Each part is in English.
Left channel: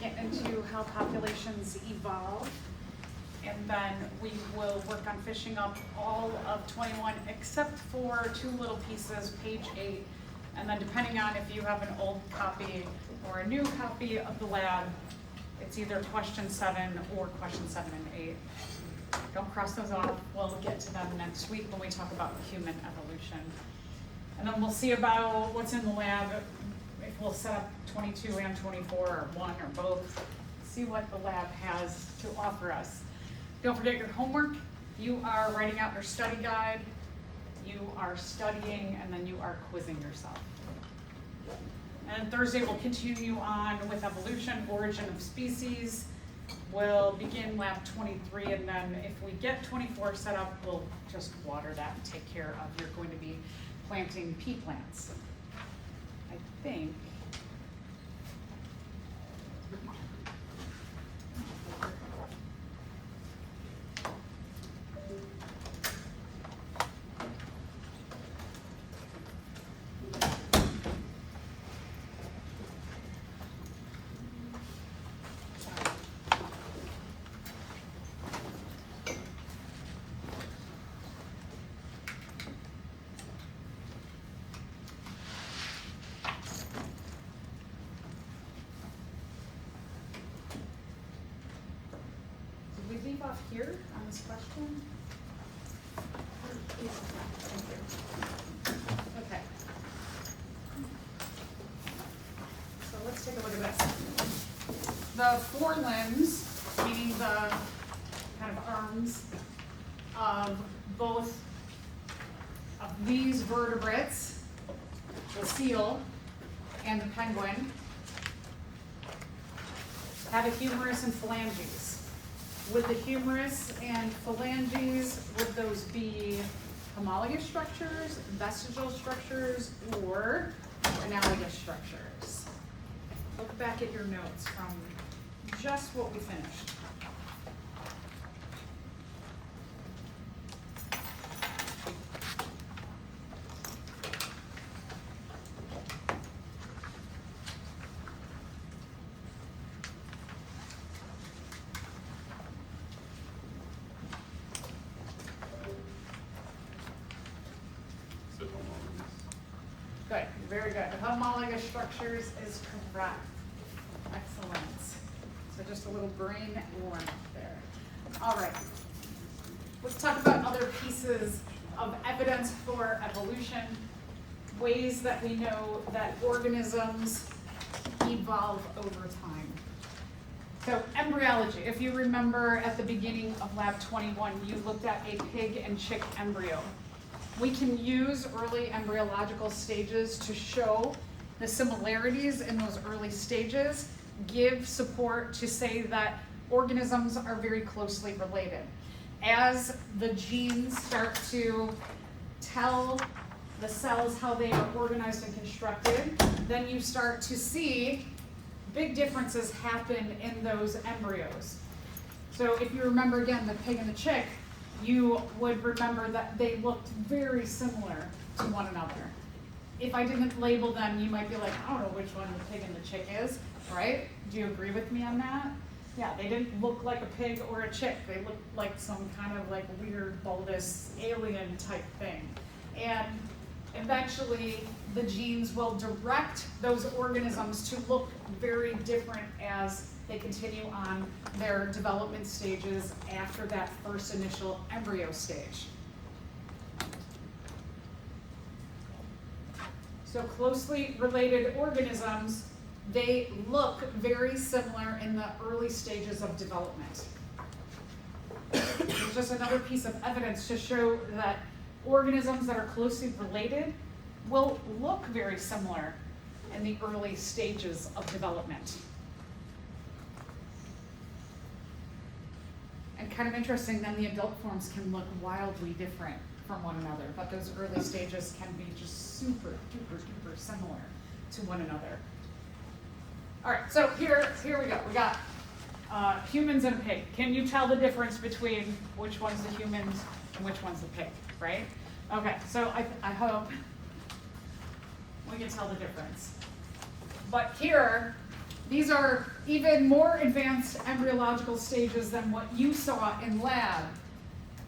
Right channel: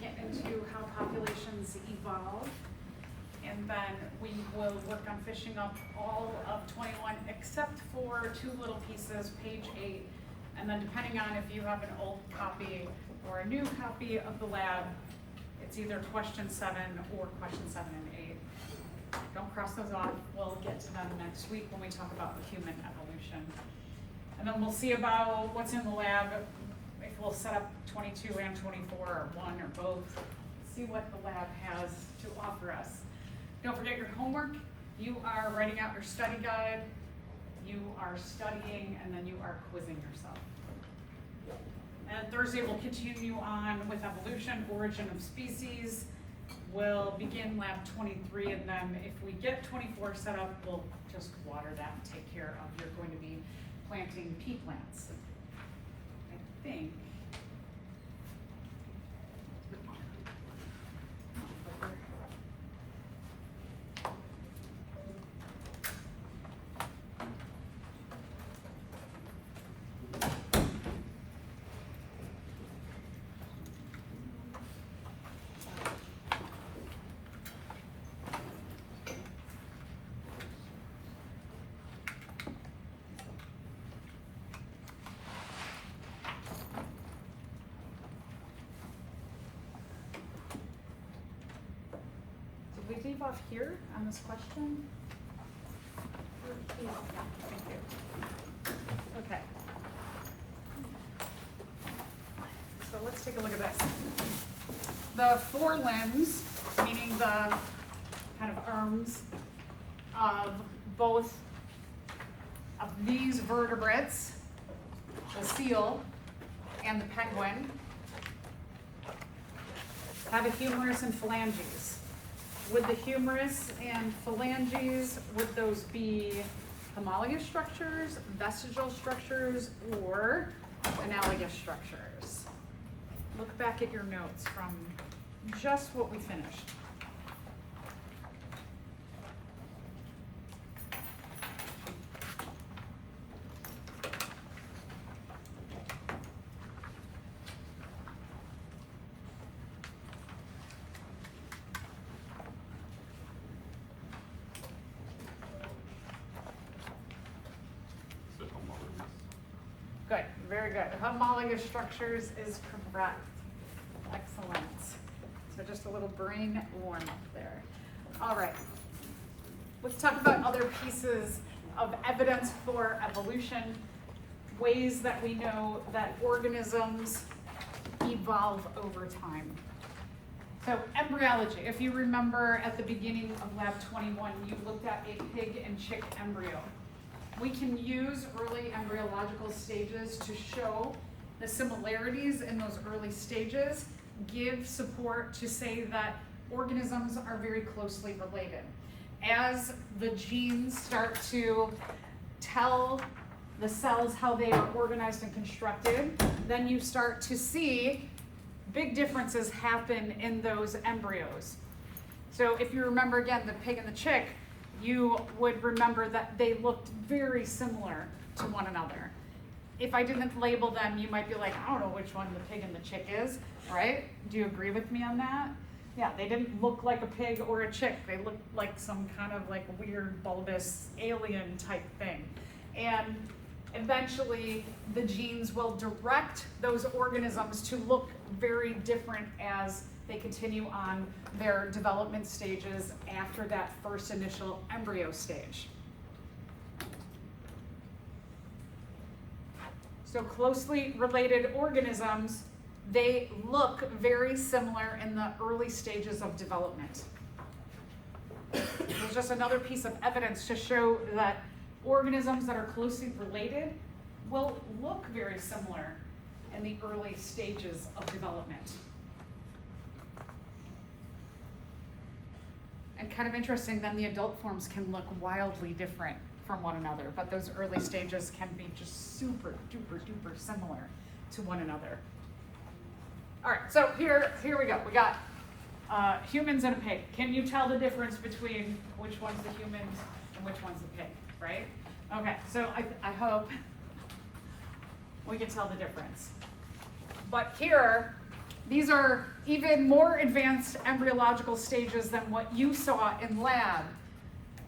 get into how populations evolve. And then we will work on finishing up all of 21 except for two little pieces, page 8. And then depending on if you have an old copy or a new copy of the lab, it's either question 7 or question 7 and 8. Don't cross those off. We'll get to them next week when we talk about human evolution. And then we'll see about what's in the lab, if we'll set up 22 and 24 or one or both, see what the lab has to offer us. Don't forget your homework. You are writing out your study guide, you are studying, and then you are quizzing yourself. And Thursday we'll continue on with evolution, origin of species. We'll begin lab 23, and then if we get 24 set up, we'll just water that and take care of, you're going to be planting pea plants. I think. Did we leave off here on this question? Yeah, thank you. Okay. So let's take a look at this. The forelimbs, meaning the kind of arms of both of these vertebrates, the seal and the penguin, have a humerus and phalanges. Would the humerus and phalanges, would those be homologous structures, vestigial structures, or analogous structures? Look back at your notes from just what we finished. Good, very good. Homologous structures is correct. Excellent. So just a little brain warm up there. All right. Let's talk about other pieces of evidence for evolution, ways that we know that organisms evolve over time. So embryology, if you remember at the beginning of lab 21, you looked at a pig and chick embryo. We can use early embryological stages to show the similarities in those early stages, give support to say that organisms are very closely related. As the genes start to tell the cells how they are organized and constructed, then you start to see big differences happen in those embryos. So if you remember again the pig and the chick, you would remember that they looked very similar to one another. If I didn't label them, you might be like, I don't know which one the pig and the chick is, right? Do you agree with me on that? Yeah, they didn't look like a pig or a chick. They looked like some kind of like weird, bulbous alien type thing. And eventually the genes will direct those organisms to look very different as they continue on their development stages after that first initial embryo stage. So closely related organisms, they look very similar in the early stages of development. There's just another piece of evidence to show that organisms that are closely related will look very similar in the early stages of development. And kind of interesting, then the adult forms can look wildly different from one another, but those early stages can be just super duper duper similar to one another. All right, so here we go. We got humans and a pig. Can you tell the difference between which one's the humans and which one's the pig, right? Okay, so I hope we can tell the difference. But here These are even more advanced embryological stages than what you saw in lab.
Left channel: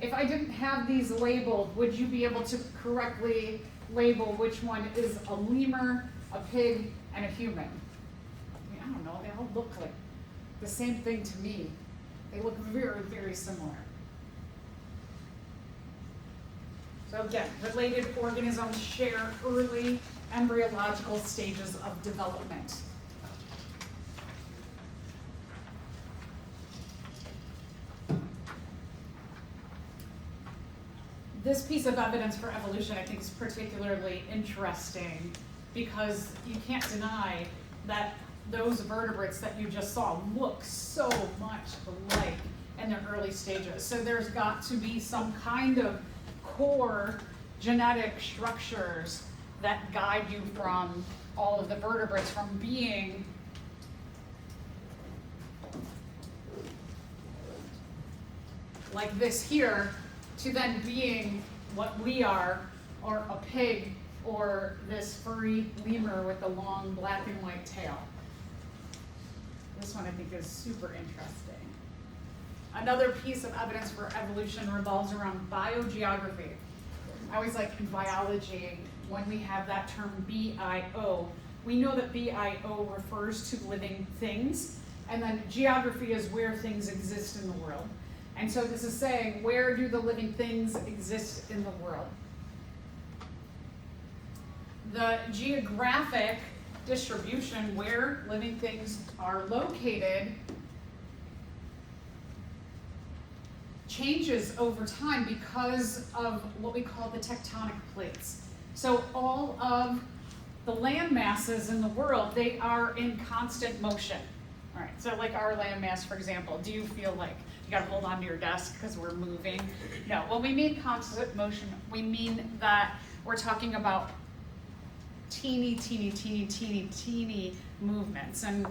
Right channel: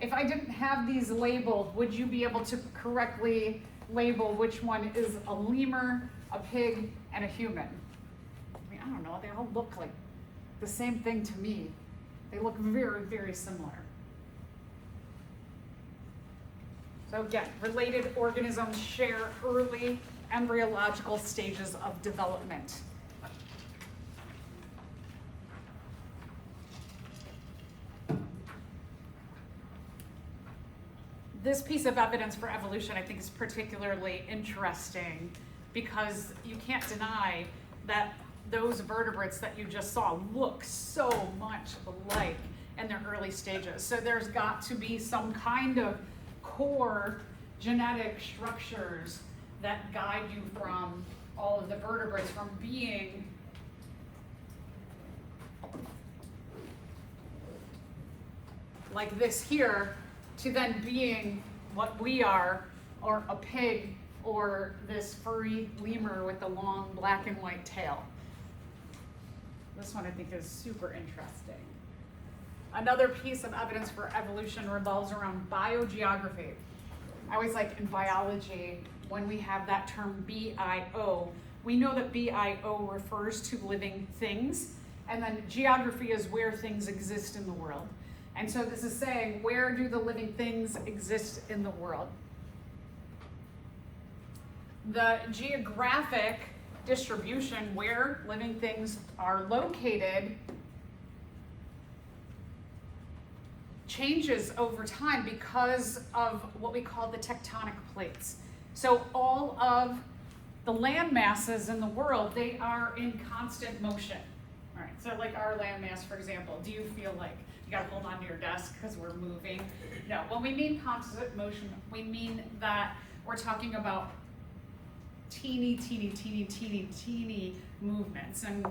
If I didn't have these labeled, would you be able to correctly label which one is a lemur, a pig, and a human? I mean, I don't know, they all look like the same thing to me. They look very, very similar. So again, related organisms share early embryological stages of development. This piece of evidence for evolution I think is particularly interesting because you can't deny that those vertebrates that you just saw look so much alike in their early stages. So there's got to be some kind of core genetic structures that guide you from all of the vertebrates from being like this here to then being what we are, or a pig, or this furry lemur with a long black and white tail. This one I think is super interesting. Another piece of evidence for evolution revolves around biogeography. I always like in biology, when we have that term BIO, we know that BIO refers to living things, and then geography is where things exist in the world. And so this is saying, where do the living things exist in the world? The geographic distribution where living things are located changes over time because of what we call the tectonic plates. So all of the land masses in the world, they are in constant motion. All right, so like our land mass, for example, do you feel like you gotta hold on to your desk because we're moving? No, when we mean constant motion, we mean that we're talking about teeny movements. And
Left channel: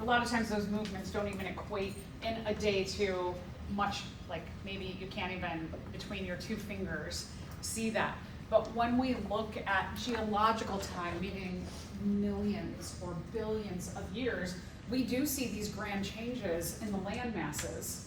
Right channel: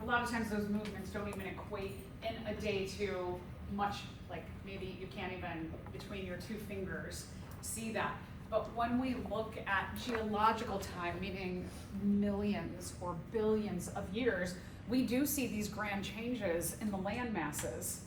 a lot of times those movements don't even equate in a day to much, like maybe you can't even, between your two fingers, see that. But when we look at geological time, meaning millions or billions of years, we do see these grand changes in the land masses.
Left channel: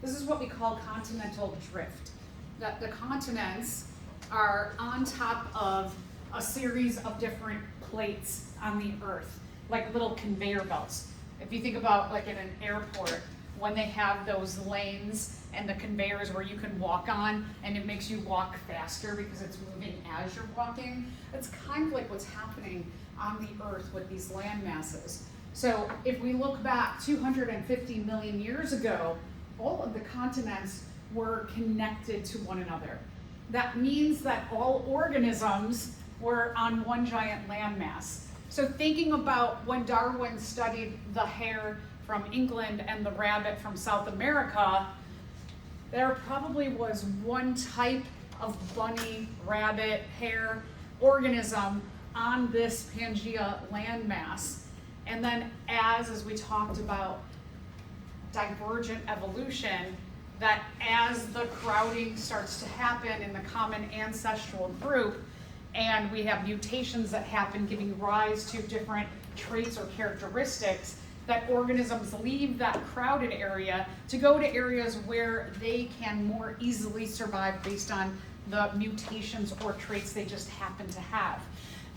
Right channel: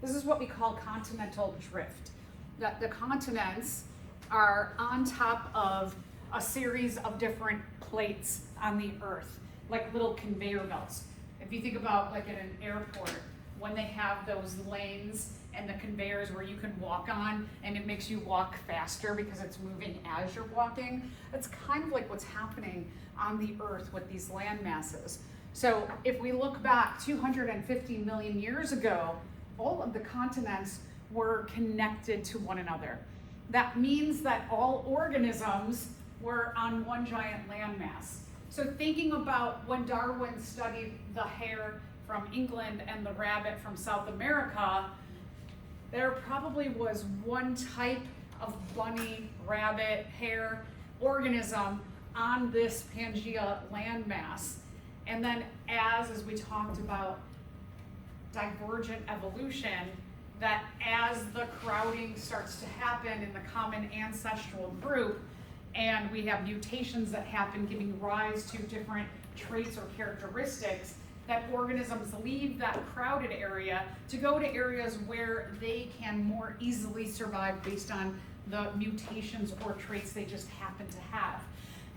This is what we call continental drift. That the continents are on top of a series of different plates on the earth, like little conveyor belts. If you think about like in an airport, when they have those lanes and the conveyors where you can walk on and it makes you walk faster because it's moving as you're walking, it's kind of like what's happening on the earth with these land masses. So if we look back 250 million years ago, all of the continents were connected to one another. That means that all organisms were on one giant landmass. So thinking about when Darwin studied the hare from England and the rabbit from South America, there probably was one type of bunny, rabbit, hare organism on this Pangea landmass. And then as we talked about divergent evolution, that as the crowding starts to happen in the common ancestral group, and we have mutations that happen giving rise to different traits or characteristics, that organisms leave that crowded area to go to areas where they can more easily survive based on the mutations or traits they just happen to have.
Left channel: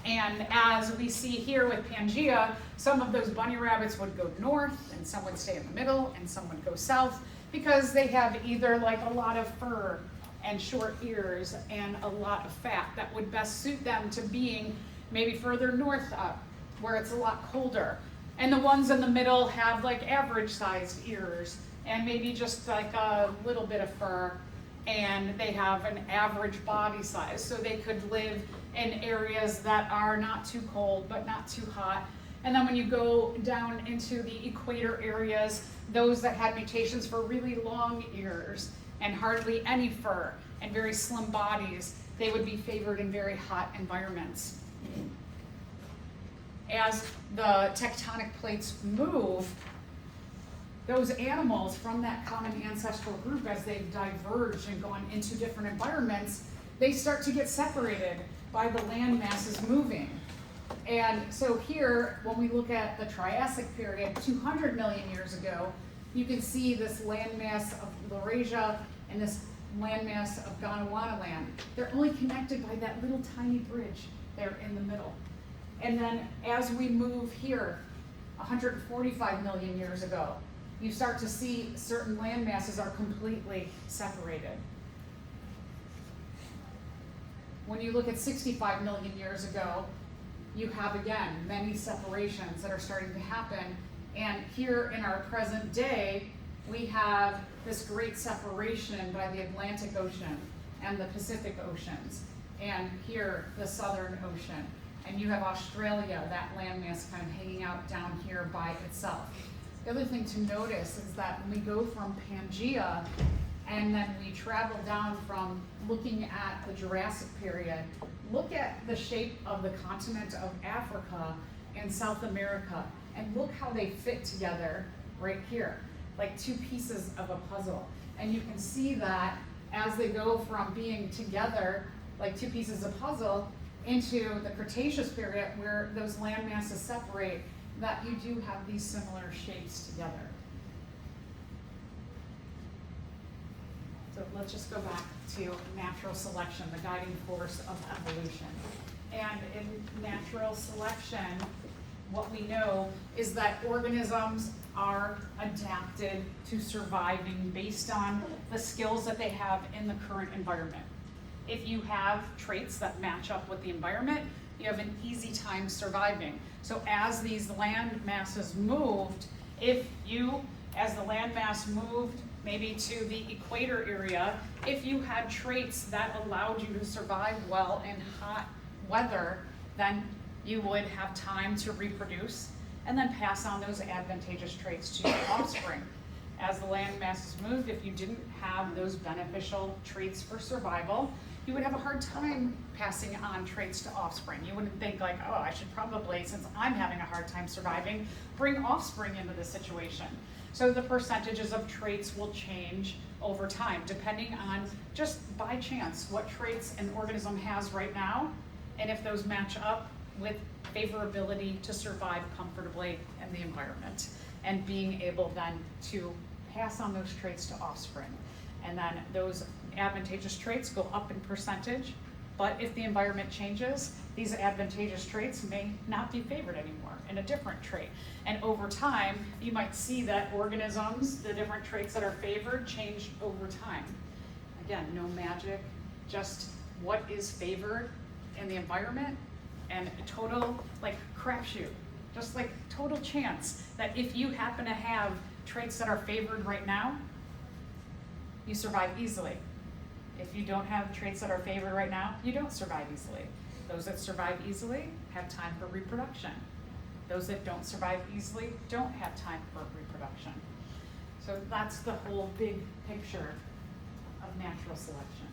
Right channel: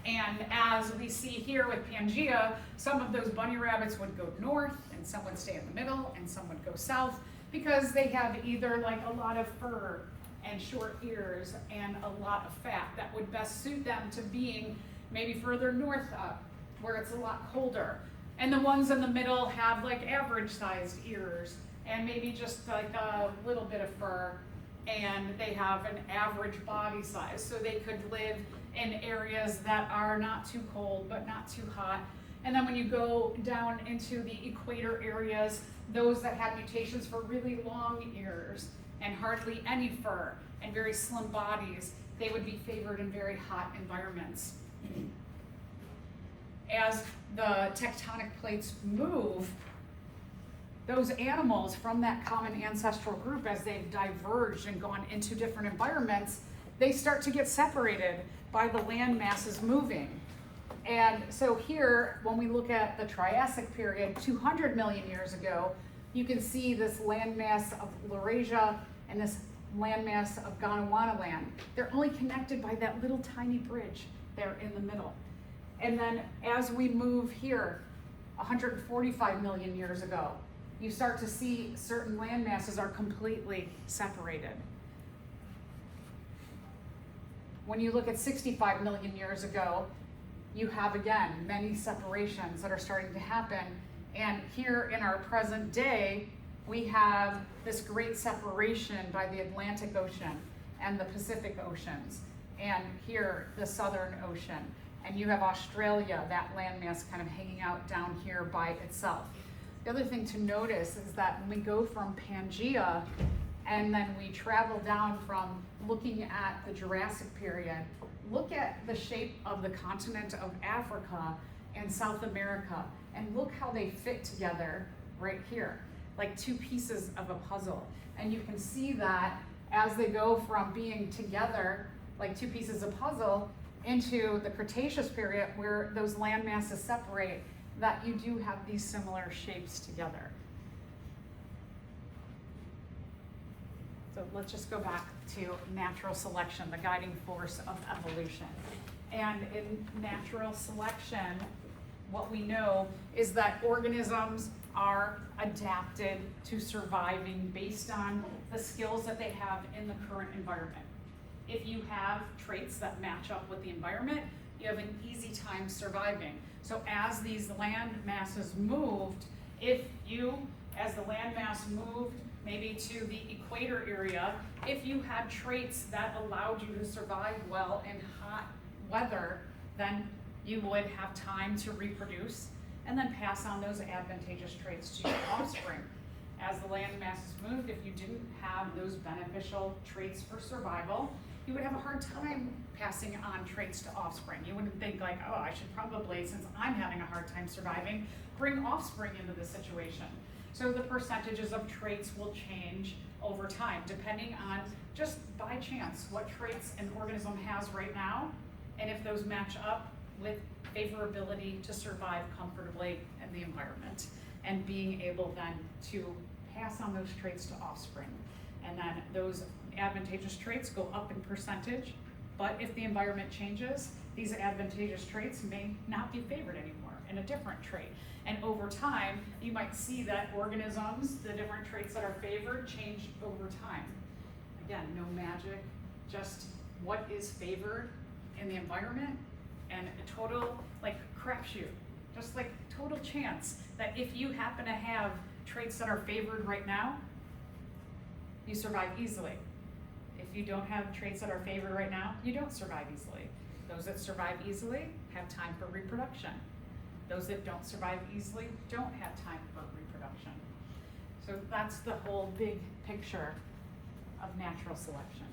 And as we see here with Pangea, some of those bunny rabbits would go north, and some would stay in the middle, and some would go south, because they have either like a lot of fur and short ears and a lot of fat that would best suit them to being maybe further north up, where it's a lot colder. And the ones in the middle have like average sized ears and maybe just like a little bit of fur, and they have an average body size. So they could live in areas that are not too cold but not too hot. And then when you go down into the equator areas, those that had mutations for really long ears and hardly any fur and very slim bodies, they would be favored in very hot environments. As the tectonic plates move, those animals from that common ancestral group, as they've diverged and gone into different environments, they start to get separated by the land masses moving. And so here, when we look at the Triassic period, 200 million years ago, you can see this landmass of Laurasia and this landmass of Gondwana land. They're only connected by that little tiny bridge there in the middle. And then as we move here, 145 million years ago, you start to see certain land masses are completely separated. When you look at 65 million years ago, you have again many separations that are starting to happen. And here in our present day, we have this great separation by the Atlantic Ocean and the Pacific Oceans, and here the Southern Ocean. And you have Australia, that landmass kind of hanging out down here by itself. The other thing to notice is that when we go from Pangea and then we travel down from looking at the Jurassic period, look at the shape of the continent of Africa and South America, and look how they fit together right here, like two pieces of a puzzle. And you can see that as they go from being together, like two pieces of puzzle, into the Cretaceous period where those land masses separate, that you do have these similar shapes together. So let's just go back to natural selection, the guiding force of evolution. And in natural selection, what we know is that organisms are adapted to surviving based on the skills that they have in the current environment. If you have traits that match up with the environment, you have an easy time surviving. So as these land masses moved, if you, as the land mass moved maybe to the equator area, if you had traits that allowed you to survive well in hot weather, then you would have time to reproduce and then pass on those advantageous traits to your offspring. As the land masses moved, if you didn't have those beneficial traits for survival, you would have a hard time passing on traits to offspring. You wouldn't think like, oh, I should probably, since I'm having a hard time surviving, bring offspring into the situation. So the percentages of traits will change over time, depending on just by chance what traits an organism has right now, and if those match up with favorability to survive comfortably in the environment, and being able then to pass on those traits to offspring. And then those advantageous traits go up in percentage, but if the environment changes, these advantageous traits may not be favored anymore in a different trait. And over time, you might see that organisms, the different traits that are favored, change over time. Again, no magic, just what is favored in the environment, and a total like crapshoot, just like total chance that if you happen to have traits that are favored right now, you survive easily. If you don't have traits that are favored right now, you don't survive easily. Those that survive easily have time for reproduction. Those that don't survive easily don't have time for reproduction. So that's the whole big picture of natural selection.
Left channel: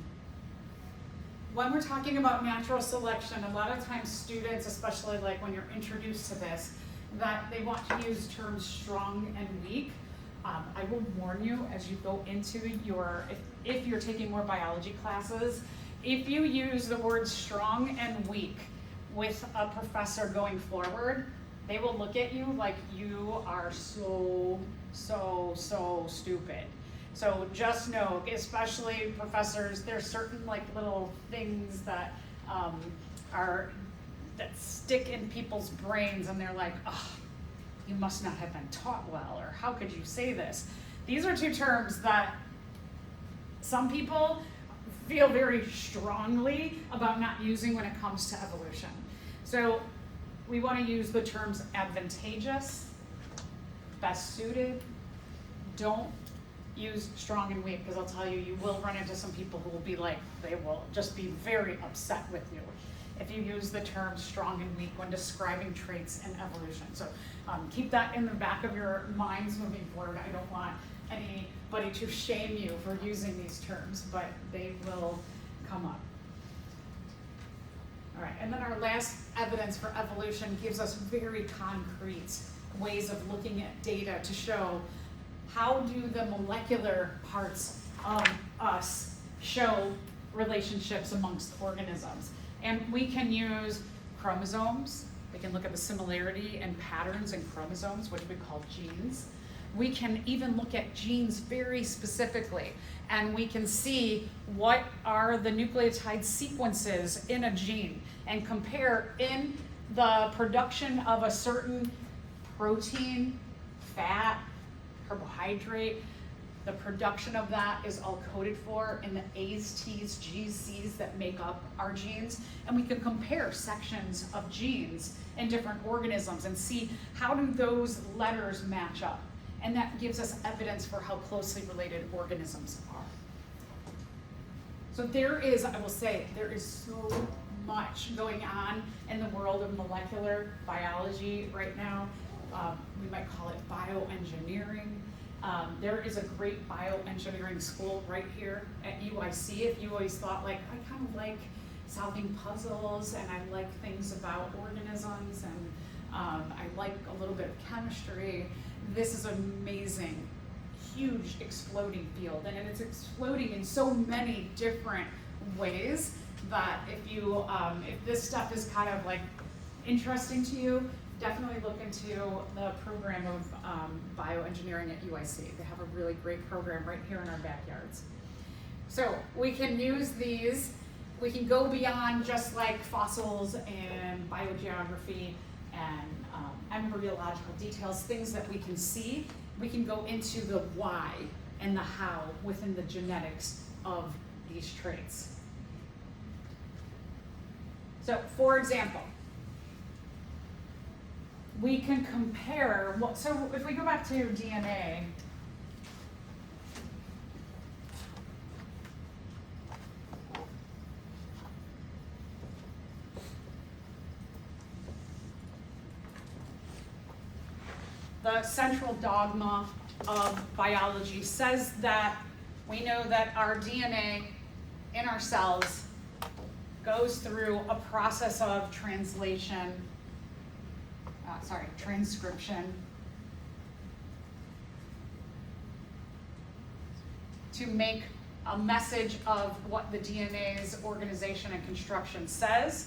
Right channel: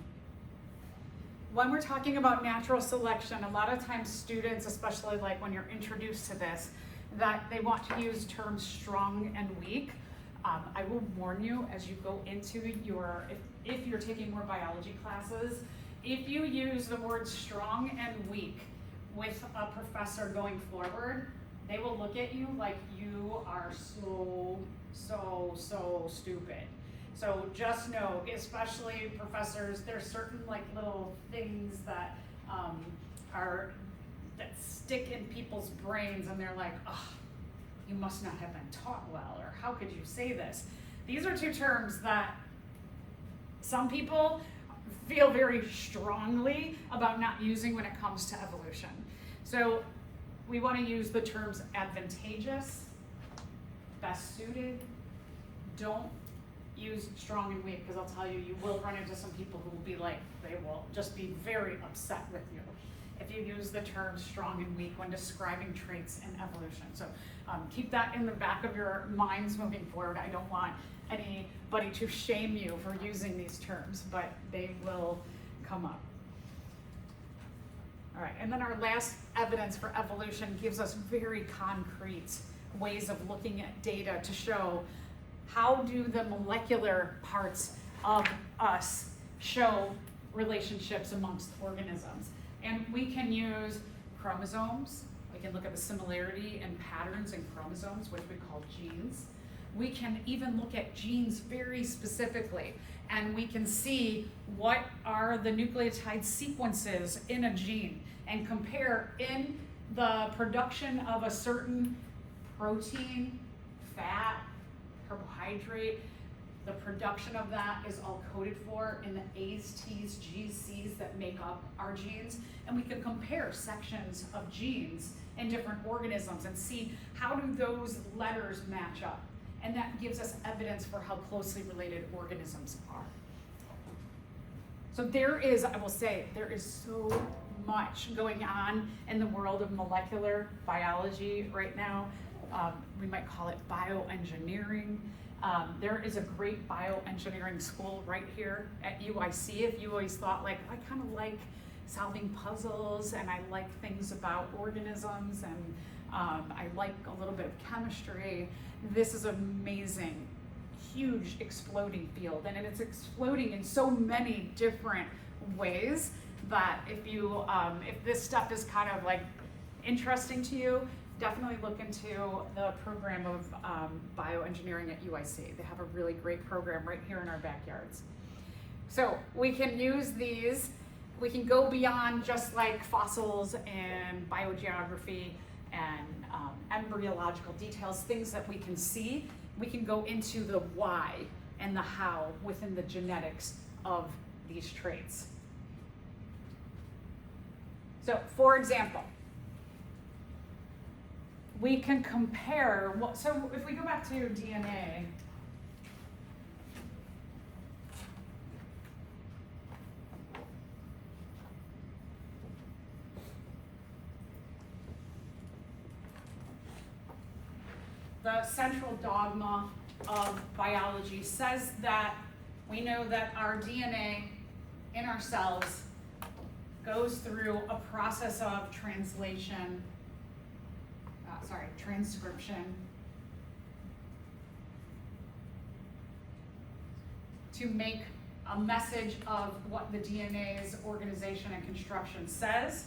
When we're talking about natural selection, a lot of times students, especially like when you're introduced to this, that they want to use terms strong and weak. I will warn you as you go into your, if you're taking more biology classes, if you use the words strong and weak with a professor going forward, they will look at you like you are so stupid. So just know, especially professors, there's certain like little things that that stick in people's brains, and they're like, oh, you must not have been taught well, or how could you say this? These are two terms that some people feel very strongly about not using when it comes to evolution. So we want to use the terms advantageous, best suited. Don't use strong and weak, because I'll tell you, you will run into some people who will be like, they will just be very upset with you if you use the term strong and weak when describing traits in evolution. So keep that in the back of your minds moving forward. I don't want anybody to shame you for using these terms, but they will come up. All right, and then our last evidence for evolution gives us very concrete ways of looking at data to show how do the molecular parts of us show relationships amongst organisms. And we can use chromosomes, We can look at the similarity and patterns in chromosomes, which we call genes. We can even look at genes very specifically, and we can see what are the nucleotide sequences in a gene and compare in the production of a certain protein, fat, carbohydrate. The production of that is all coded for in the A's, T's, G's, C's that make up our genes. And we can compare sections of genes in different organisms and see how do those letters match up. And that gives us evidence for how closely related organisms are. So there is, I will say, there is so much going on in the world of molecular biology right now. We might call it bioengineering. There is a great bioengineering school right here at UIC. If you always thought, like, I kind of like solving puzzles and I like things about organisms and I like a little bit of chemistry, this is an amazing, huge, exploding field. And it's exploding in so many different ways that if this stuff is kind of like interesting to you, definitely look into the program of bioengineering at UIC. They have a really great program right here in our backyards. So we can use these, we can go beyond just like fossils and biogeography and embryological details, things that we can see. We can go into the why and the how within the genetics of these traits. So for example, we can compare, so if we go back to DNA, the central dogma of biology says that we know that our DNA in our cells goes through a process of transcription to make a message of what the DNA's organization and construction says.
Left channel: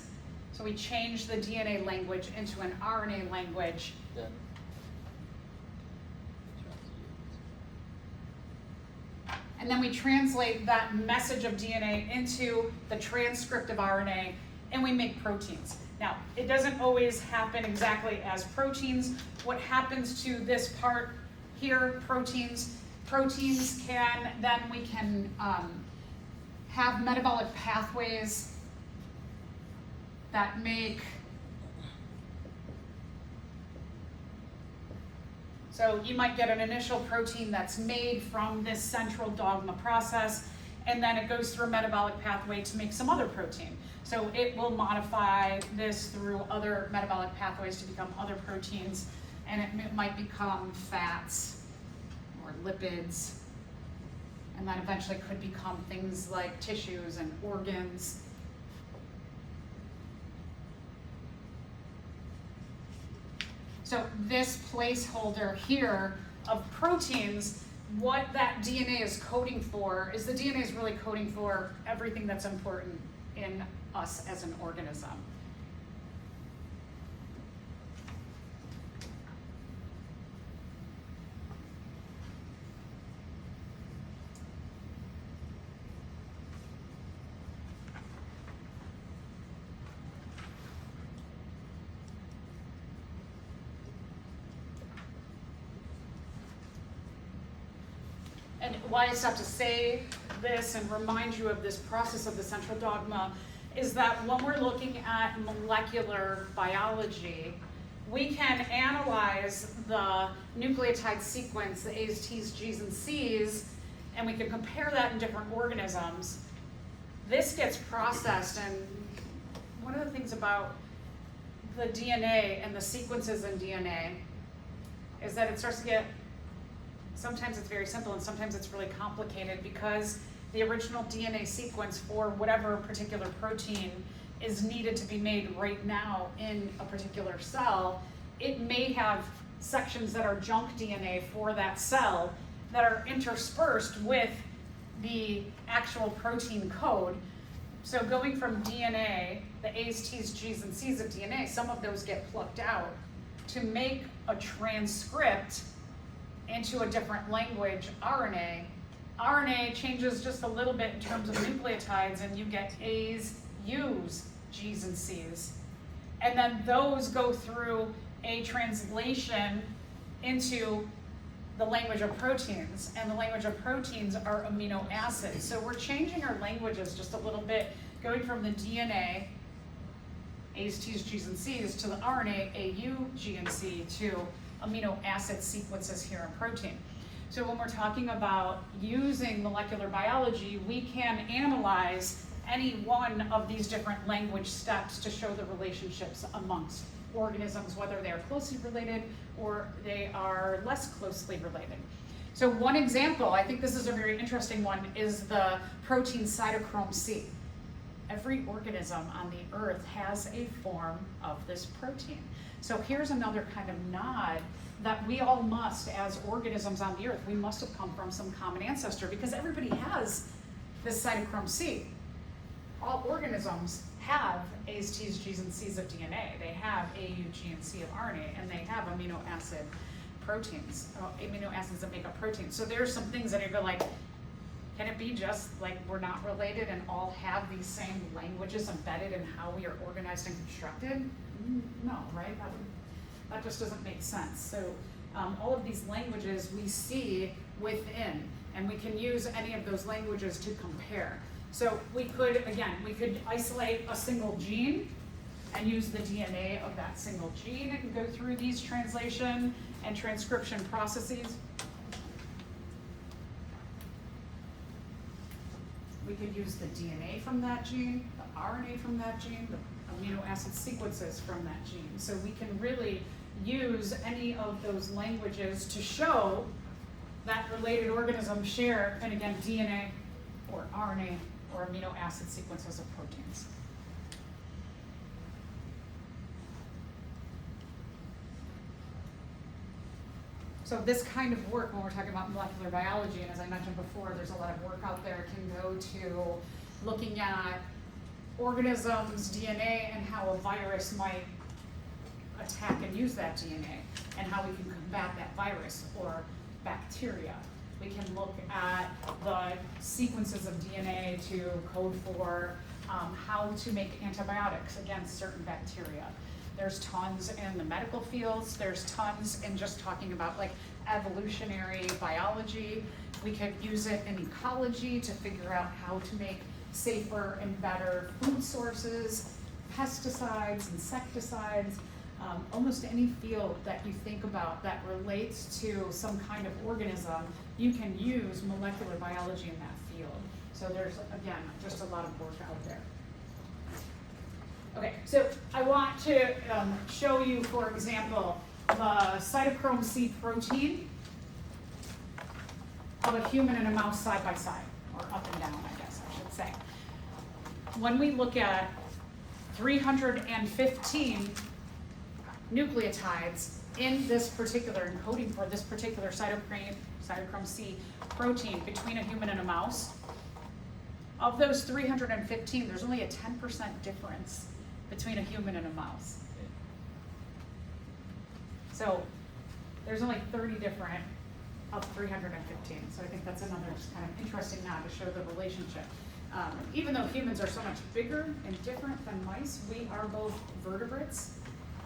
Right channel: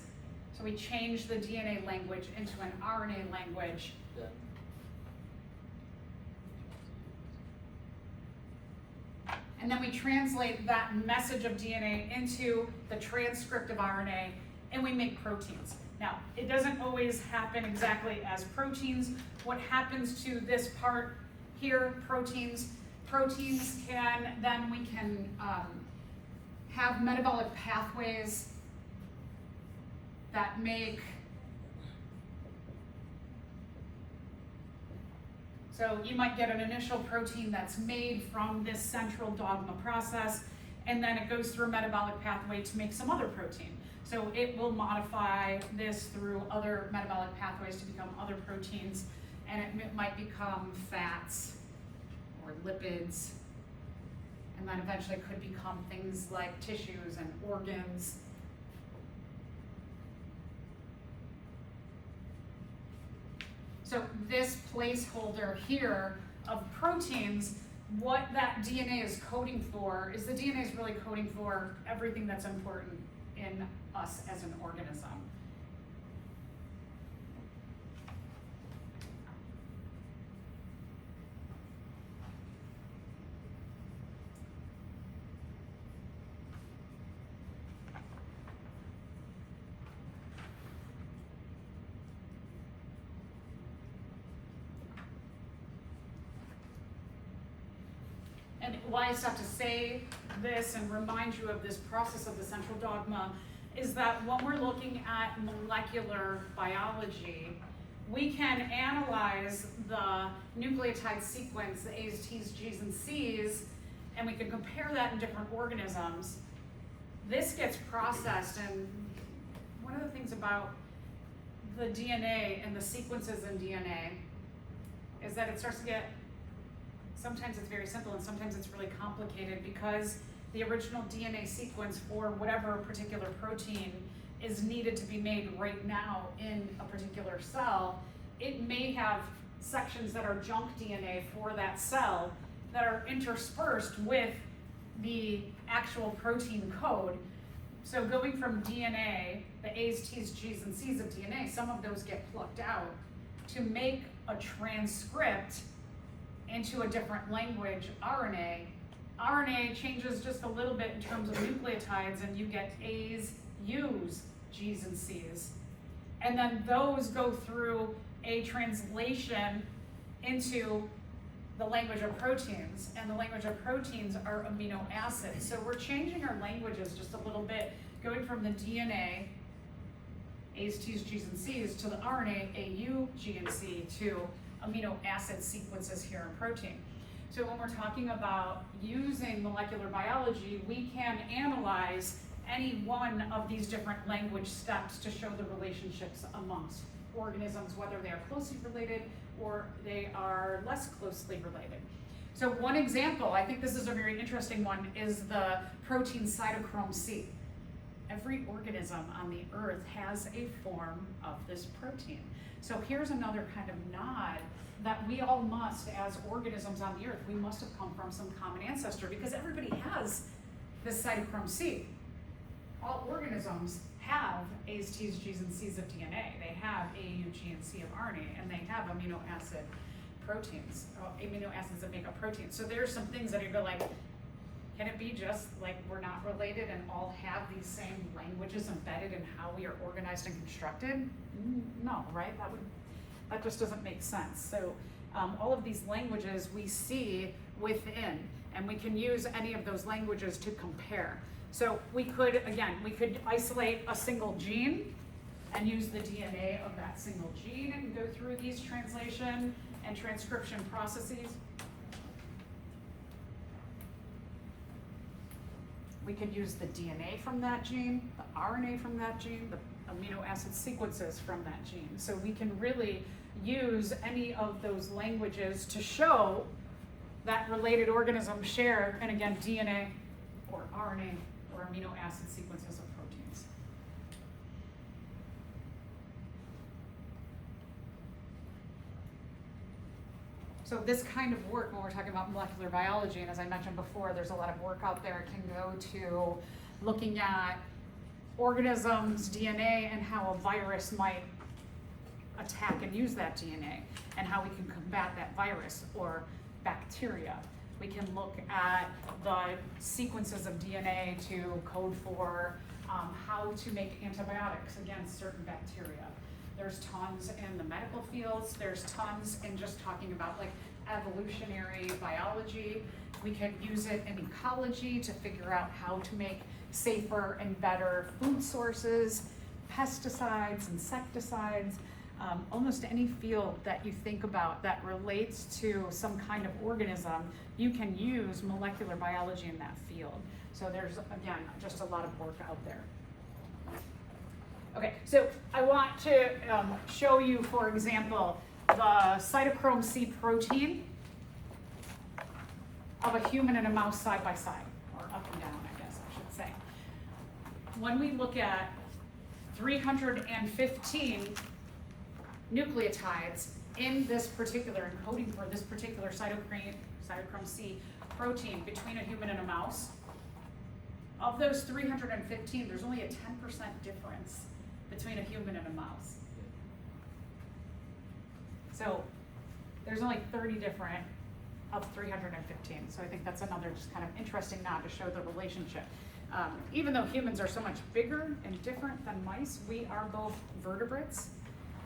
So we change the DNA language into an RNA language. And then we translate that message of DNA into the transcript of RNA, and we make proteins. Now, it doesn't always happen exactly as proteins. What happens to this part here, proteins can, then we can have metabolic pathways that make, so you might get an initial protein that's made from this central dogma process, and then it goes through a metabolic pathway to make some other protein. So it will modify this through other metabolic pathways to become other proteins, and it might become fats or lipids, and then eventually could become things like tissues and organs. So this placeholder here of proteins, what that DNA is coding for is the DNA is really coding for everything that's important in us as an organism. And why I have to say this and remind you of this process of the central dogma is that when we're looking at molecular biology, we can analyze the nucleotide sequence, the A's, T's, G's, and C's, and we can compare that in different organisms. This gets processed, and one of the things about the DNA and the sequences in DNA is that it starts to get, sometimes it's very simple and sometimes it's really complicated because the original DNA sequence for whatever particular protein is needed to be made right now in a particular cell. It may have sections that are junk DNA for that cell that are interspersed with the actual protein code. So going from DNA the A's, T's, G's, and C's of DNA, some of those get plucked out to make a transcript into a different language, RNA. RNA changes just a little bit in terms of nucleotides, and you get A's, U's, G's, and C's. And then those go through a translation into the language of proteins, and the language of proteins are amino acids. So we're changing our languages just a little bit, going from the DNA, A's, T's, G's, and C's, to the RNA, A, U, G, and C, to amino acid sequences here in protein. So when we're talking about using molecular biology, we can analyze any one of these different language steps to show the relationships amongst organisms, whether they are closely related or they are less closely related. So one example, I think this is a very interesting one, is the protein cytochrome C. Every organism on the earth has a form of this protein. So here's another kind of nod that we all must, as organisms on the earth, we must have come from some common ancestor, because everybody has this cytochrome C. All organisms have A's, T's, G's, and C's of DNA. They have A, U, G, and C of RNA, and they have amino acid proteins, amino acids that make up proteins. So there's some things that you go like, can it be just like we're not related and all have these same languages embedded in how we are organized and constructed? No, right? That just doesn't make sense. So all of these languages we see within, and we can use any of those languages to compare. So we could isolate a single gene and use the DNA of that single gene and go through these translation and transcription processes. We could use the DNA from that gene, the RNA from that gene, the amino acid sequences from that gene. So we can really use any of those languages to show that related organisms share, and again, DNA or RNA or amino acid sequences of proteins. So this kind of work, when we're talking about molecular biology, and as I mentioned before, there's a lot of work out there, can go to looking at organisms' DNA and how a virus might attack and use that DNA, and how we can combat that virus or bacteria. We can look at the sequences of DNA to code for how to make antibiotics against certain bacteria. There's tons in the medical fields. There's tons in just talking about like evolutionary biology. We could use it in ecology to figure out how to make safer and better food sources, pesticides, insecticides, almost any field that you think about that relates to some kind of organism, you can use molecular biology in that field. So there's, again, just a lot of work out there. Okay, so I want to show you, for example, the cytochrome C protein of a human and a mouse side by side, or up and down, I guess I should say. When we look at 315 nucleotides in this particular encoding for this particular cytochrome C protein between a human and a mouse, of those 315, there's only a 10% difference between a human and a mouse. So there's only 30 different of 315. So I think that's another just kind of interesting nod to show the relationship. Even though humans are so much bigger and different than mice, we are both vertebrates.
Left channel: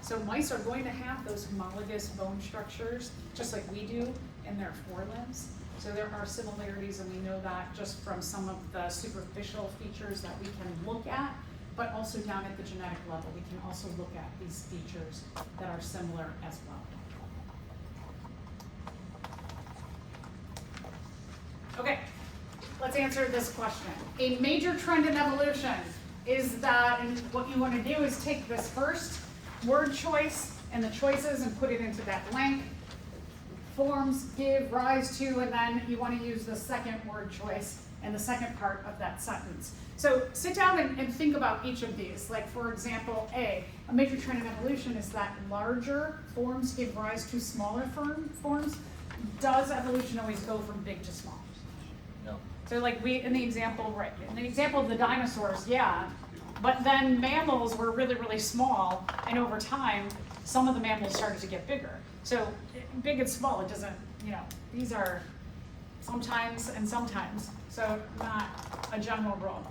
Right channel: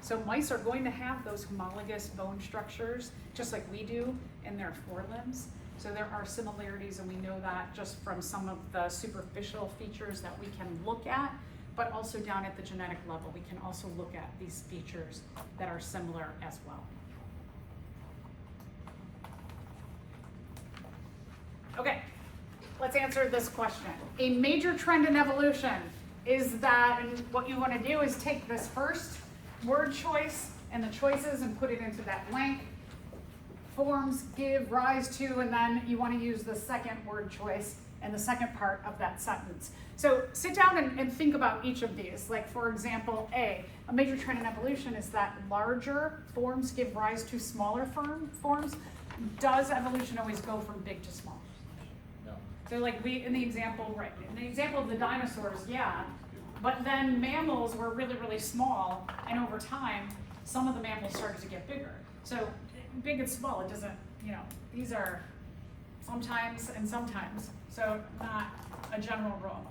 So mice are going to have those homologous bone structures, just like we do in their forelimbs. So there are similarities, and we know that just from some of the superficial features that we can look at, but also down at the genetic level, we can also look at these features that are similar as well. Okay, let's answer this question. A major trend in evolution is that, and what you want to do is take this first word choice and the choices and put it into that blank. Forms give rise to, and then you want to use the second word choice and the second part of that sentence. So sit down and think about each of these. Like, for example, a major trend in evolution is that larger forms give rise to smaller forms. Does evolution always go from big to small? No. So like in the example of the dinosaurs, yeah, But then mammals were really, really small, and over time, some of the mammals started to get bigger. So big and small, it doesn't, these are sometimes and sometimes, so not a general rule.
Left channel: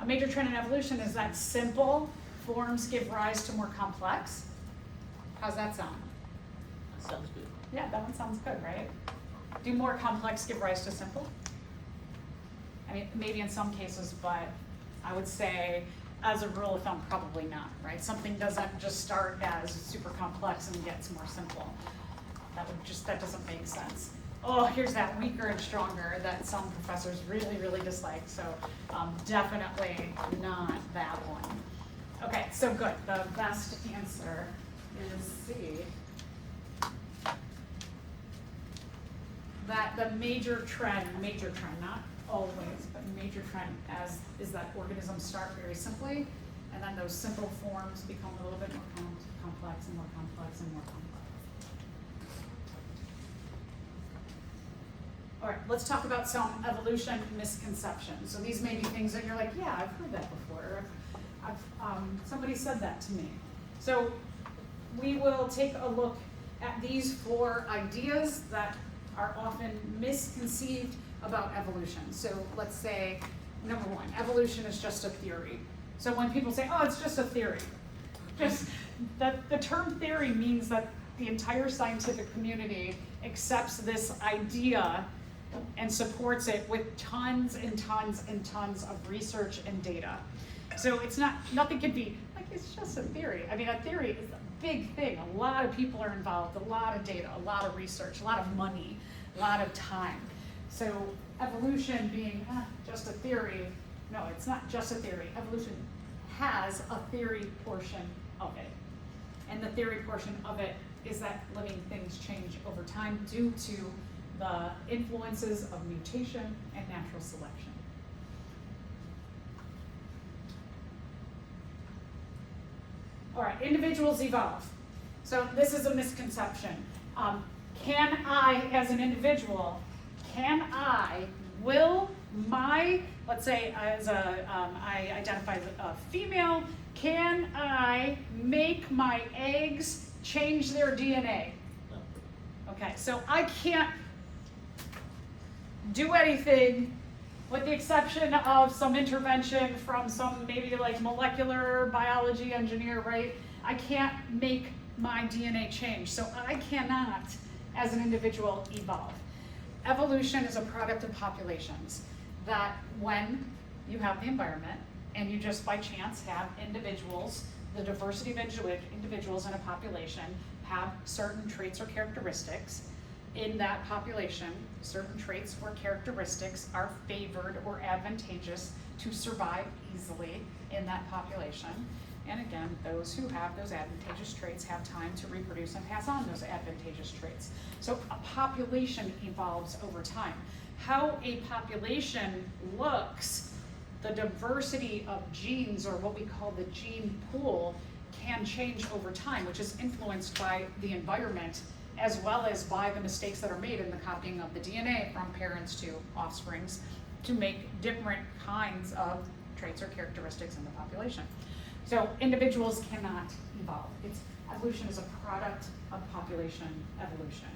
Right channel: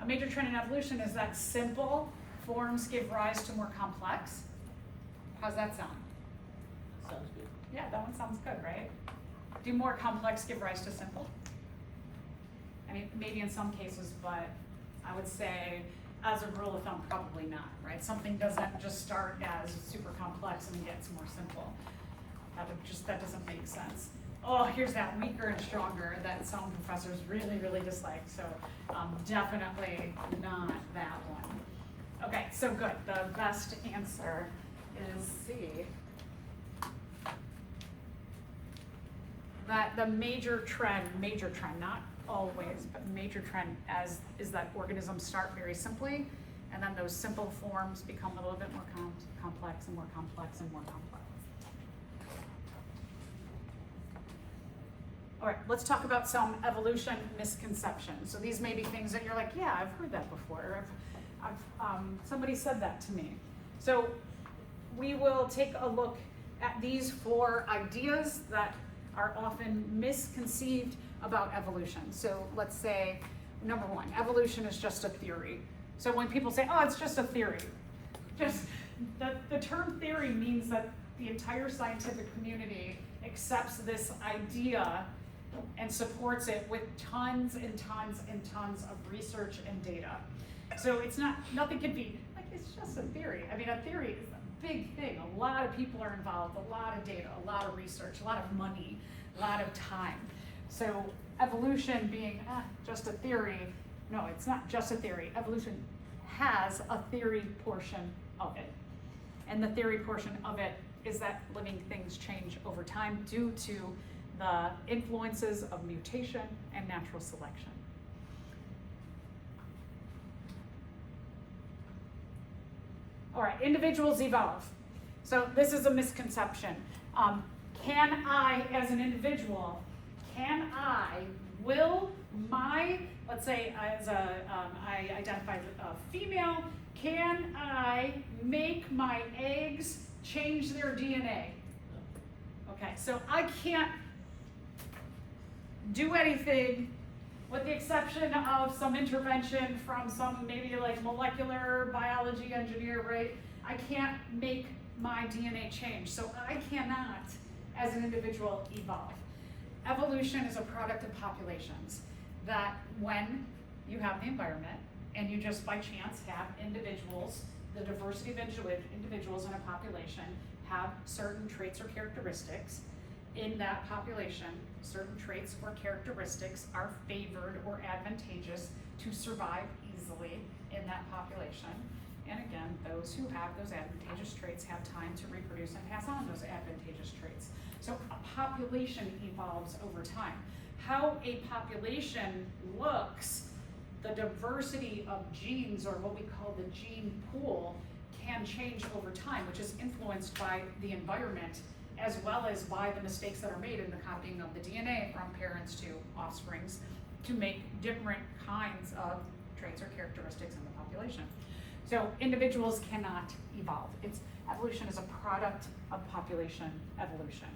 A major trend in evolution is that simple forms give rise to more complex. How's that sound? Sounds good. Yeah, that one sounds good, right? Do more complex give rise to simple? I mean, maybe in some cases, but I would say, as a rule of thumb, probably not, right? Something doesn't just start as super complex and gets more simple. That doesn't make sense. Oh, here's that weaker and stronger that some professors really, really dislike. So definitely not that one. Okay, so good. The best answer is C. That the major trend, not always, but major trend is that organisms start very simply, and then those simple forms become a little bit more complex and more complex and more complex. All right, let's talk about some evolution misconceptions. So these may be things that you're like, yeah, I've heard that before. Somebody said that to me. So we will take a look at these 4 ideas that are often misconceived about evolution. So let's say, number 1, evolution is just a theory. So when people say, oh, it's just a theory, just that the term theory means that the entire scientific community accepts this idea and supports it with tons and tons and tons of research and data. So it's nothing can be like, it's just a theory. I mean, a theory is a big thing. A lot of people are involved, a lot of data, a lot of research, a lot of money, a lot of time. So evolution being just a theory, no, it's not just a theory. Evolution has a theory portion of it. And the theory portion of it is that living things change over time due to the influences of mutation and natural selection. All right, individuals evolve. So this is a misconception. Can I, as an individual, will my, let's say I identify as a female, can I make my eggs change their DNA? Okay, so I can't do anything with the exception of some intervention from some maybe like molecular biology engineer, right? I can't make my DNA change, so I cannot, as an individual, evolve. Evolution is a product of populations, that when you have the environment and you just by chance have individuals, the diversity of individuals in a population have certain traits or characteristics. In that population, certain traits or characteristics are favored or advantageous to survive easily in that population. And again, those who have those advantageous traits have time to reproduce and pass on those advantageous traits. So a population evolves over time. How a population looks, the diversity of genes, or what we call the gene pool, can change over time, which is influenced by the environment as well as by the mistakes that are made in the copying of the DNA from parents to offsprings to make different kinds of traits or characteristics in the population. So individuals cannot evolve. Evolution is a product of population evolution.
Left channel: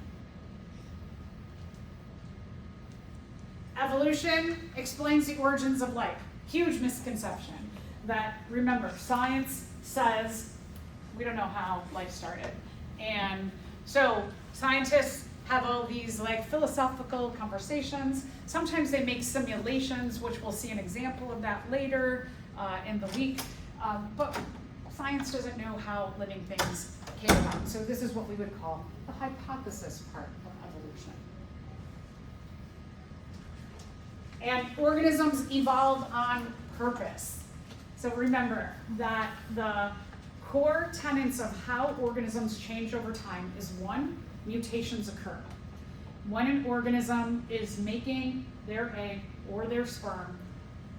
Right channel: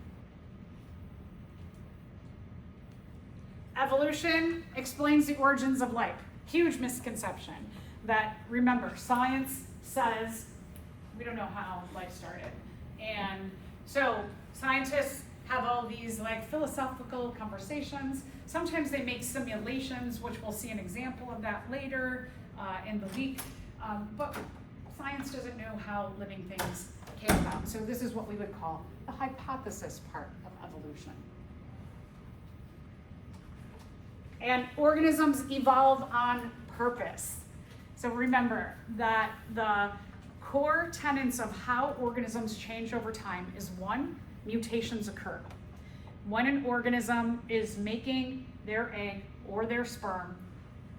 Evolution explains the origins of life. Huge misconception that, remember, science says we don't know how life started. And so scientists have all these like philosophical conversations. Sometimes they make simulations, which we'll see an example of that later in the week. But science doesn't know how living things came about. So this is what we would call the hypothesis part of evolution. And organisms evolve on purpose. So remember that the core tenets of how organisms change over time is 1, mutations occur. When an organism is making their egg or their sperm,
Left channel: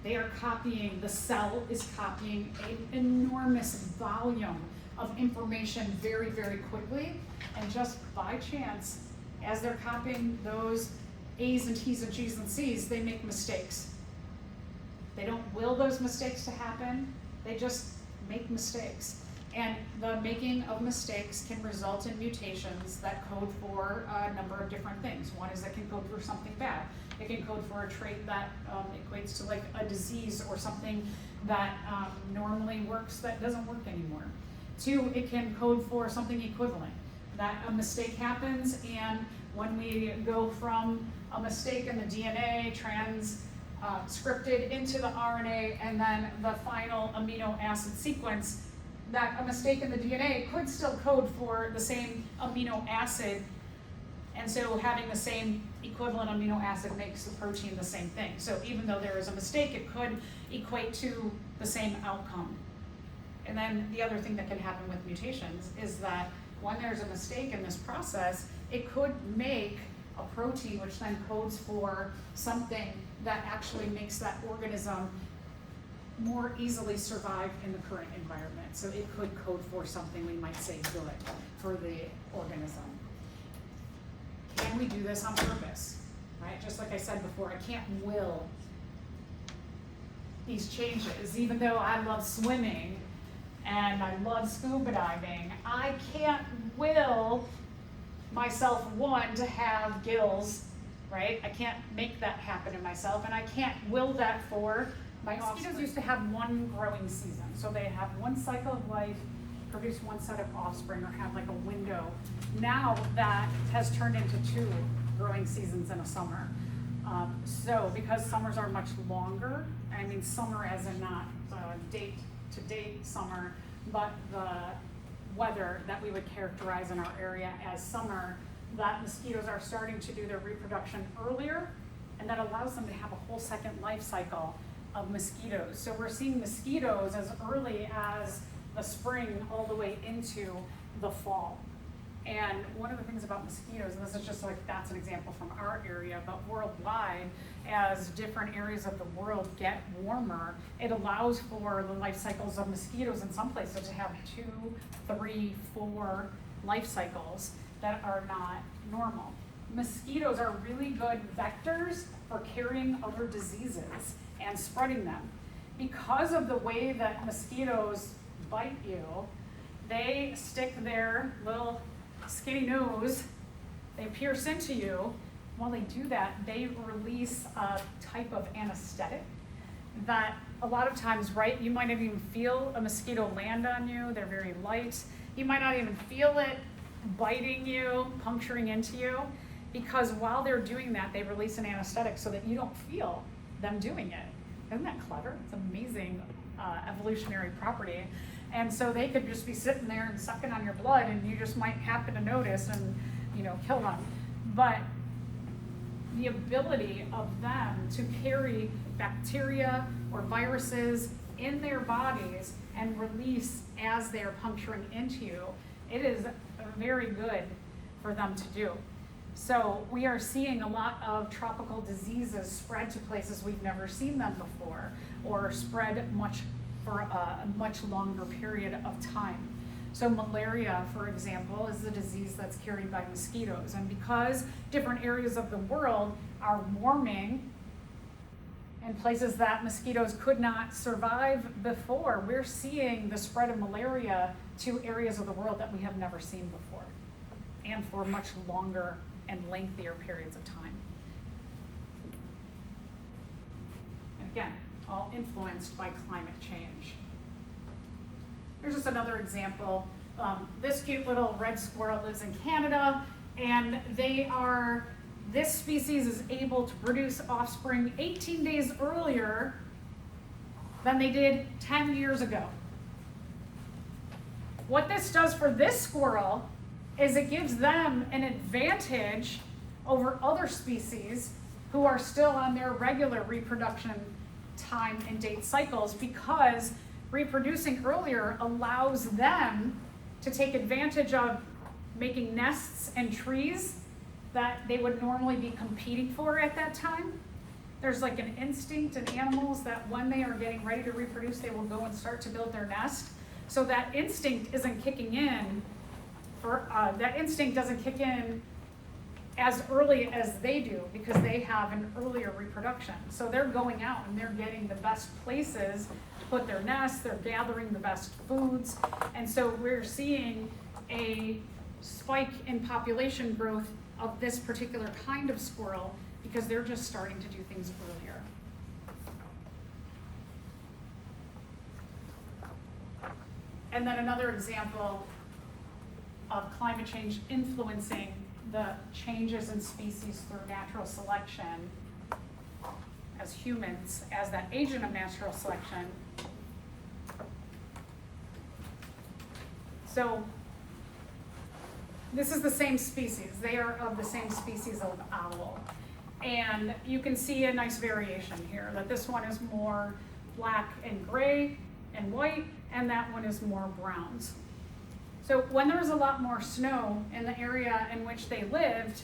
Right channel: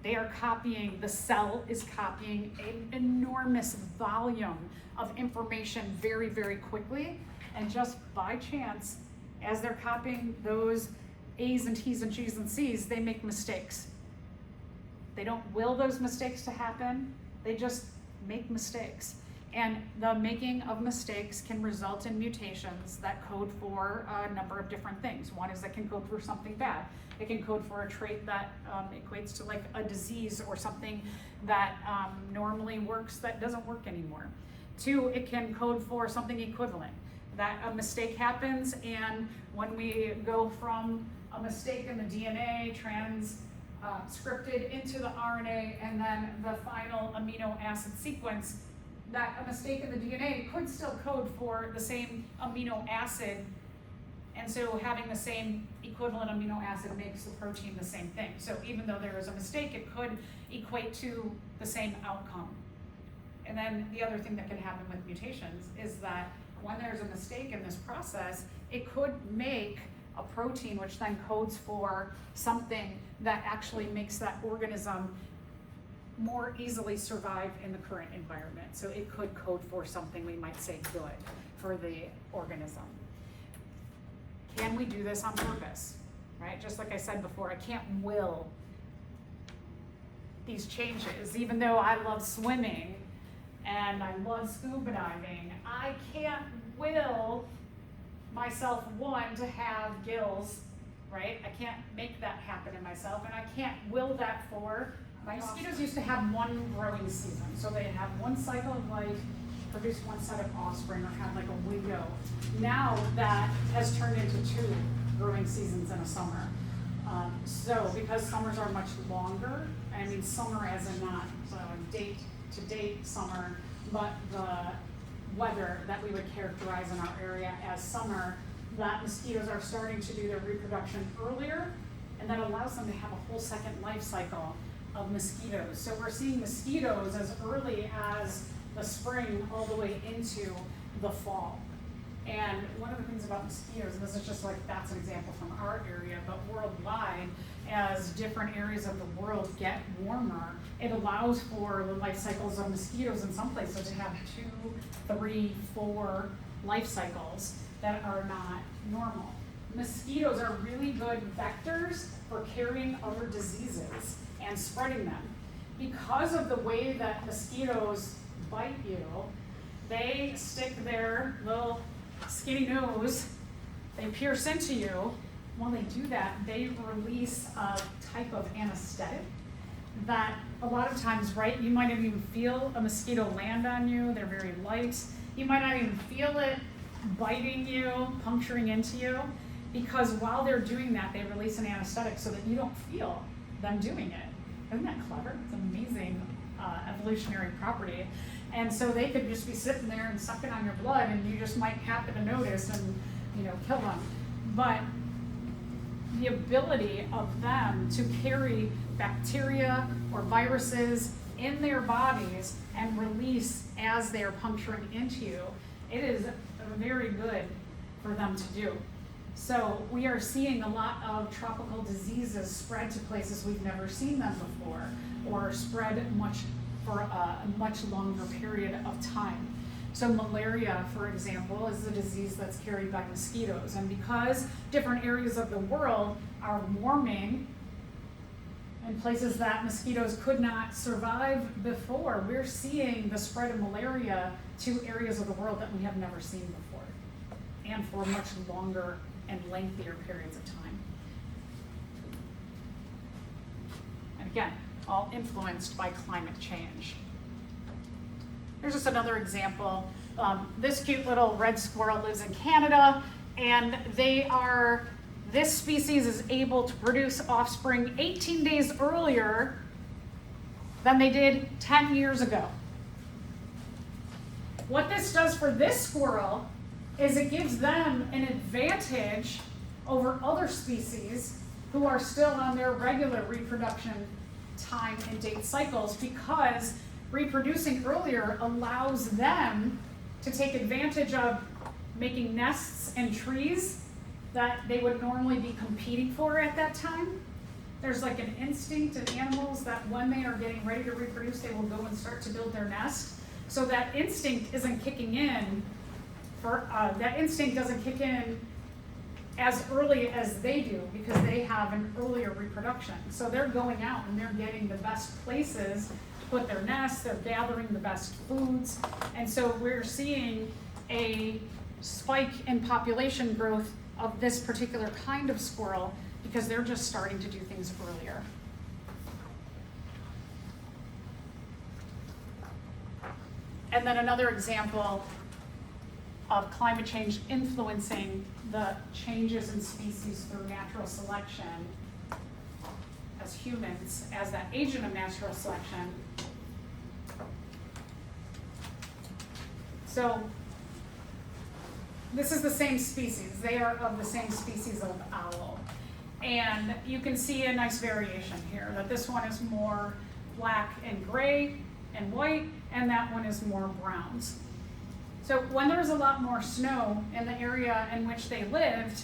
the cell is copying an enormous volume of information very, very quickly. And just by chance, as they're copying those A's and T's and G's and C's, they make mistakes. They don't will those mistakes to happen. They just make mistakes. And the making of mistakes can result in mutations that code for a number of different things. One is it can code for something bad. It can code for a trait that equates to like a disease or something that normally works that doesn't work anymore. Two, it can code for something equivalent. That a mistake happens, and when we go from a mistake in the DNA scripted into the RNA and then the final amino acid sequence, that a mistake in the DNA could still code for the same amino acid, and so having the same equivalent amino acid makes the protein the same thing. So even though there is a mistake, it could equate to the same outcome. And then the other thing that can happen with mutations is that when there's a mistake in this process, it could make a protein which then codes for something that actually makes that organism more easily survive in the current environment. So it could code for something we might say good for the organism. Can we do this on purpose? Right? Just like I said before, I can't will these changes. Even though I love swimming and I love scuba diving, I can't will myself, one, to have gills, right? I can't make that happen in myself, and I can't will that for my mosquitoes. Used to have one growing season, so they have one cycle of life, produce one set of offspring, or have like a window. Now that has turned into 2 growing seasons in a summer. So because summers are much longer, I mean summer as in not date to date summer, but the weather that we would characterize in our area as summer, that mosquitoes are starting to do their reproduction earlier, and that allows them to have a whole second life cycle of mosquitoes. So we're seeing mosquitoes as early as the spring all the way into the fall. And one of the things about mosquitoes, and this is just like, that's an example from our area, but worldwide, as different areas of the world get warmer, it allows for the life cycles of mosquitoes in some places to have 2, 3, 4 life cycles that are not normal. Mosquitoes are really good vectors for carrying other diseases and spreading them. Because of the way that mosquitoes bite you, they stick their little skinny nose, they pierce into you. While they do that, they release a type of anesthetic that a lot of times, right, you might not even feel a mosquito land on you. They're very light. You might not even feel it biting you, puncturing into you, because while they're doing that, they release an anesthetic so that you don't feel them doing it. Isn't that clever? It's an amazing evolutionary property. And so they could just be sitting there and sucking on your blood, and you just might happen to notice and, kill them. But the ability of them to carry bacteria or viruses in their bodies and release as they're puncturing into you, it is very good for them to do. So we are seeing a lot of tropical diseases spread to places we've never seen them before, or spread for a much longer period of time. So malaria, for example, is a disease that's carried by mosquitoes. And because different areas of the world are warming in places that mosquitoes could not survive before, we're seeing the spread of malaria to areas of the world that we have never seen before, and for much longer and lengthier periods of time. And again, all influenced by climate change. Here's just another example. This cute little red squirrel lives in Canada, and this species is able to produce offspring 18 days earlier than they did 10 years ago. What this does for this squirrel is it gives them an advantage over other species who are still on their regular reproduction time and date cycles, because reproducing earlier allows them to take advantage of making nests and trees that they would normally be competing for at that time. There's like an instinct in animals that when they are getting ready to reproduce, they will go and start to build their nest. So that instinct isn't kicking in doesn't kick in as early as they do, because they have an earlier reproduction. So they're going out and they're getting the best places put their nests, they're gathering the best foods. And so we're seeing a spike in population growth of this particular kind of squirrel because they're just starting to do things earlier. And then another example of climate change influencing the changes in species through natural selection as humans, as that agent of natural selection. So this is the same species. They are of the same species of owl. And you can see a nice variation here, that this one is more black and gray and white, and that one is more browns. So when there was a lot more snow in the area in which they lived,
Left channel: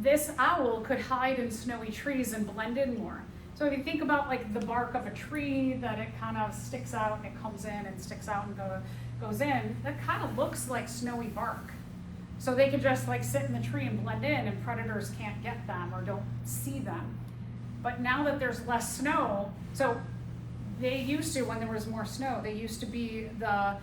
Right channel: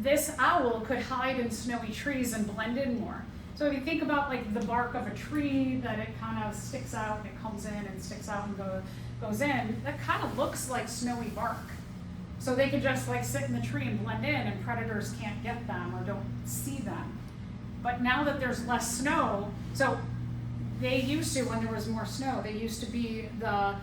this owl could hide in snowy trees and blend in more. So if you think about like the bark of a tree, that it kind of sticks out and it comes in and sticks out and goes in, that kind of looks like snowy bark. So they could just like sit in the tree and blend in and predators can't get them or don't see them. But now that there's less snow, so they used to, when there was more snow, they used to be the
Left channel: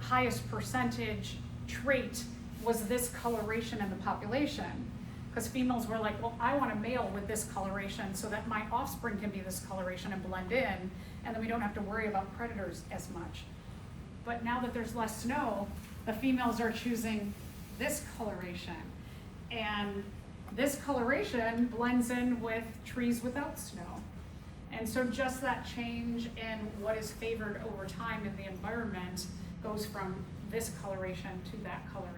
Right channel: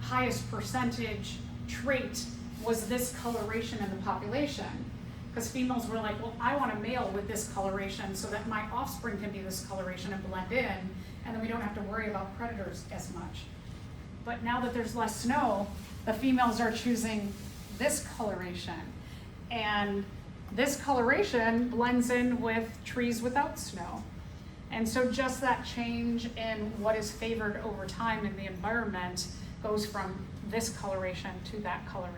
highest percentage trait was this coloration in the population. Because females were like, well, I want a male with this coloration so that my offspring can be this coloration and blend in, and then we don't have to worry about predators as much. But now that there's less snow, the females are choosing this coloration. And this coloration blends in with trees without snow. And so just that change in what is favored over time in the environment goes from this coloration to that coloration.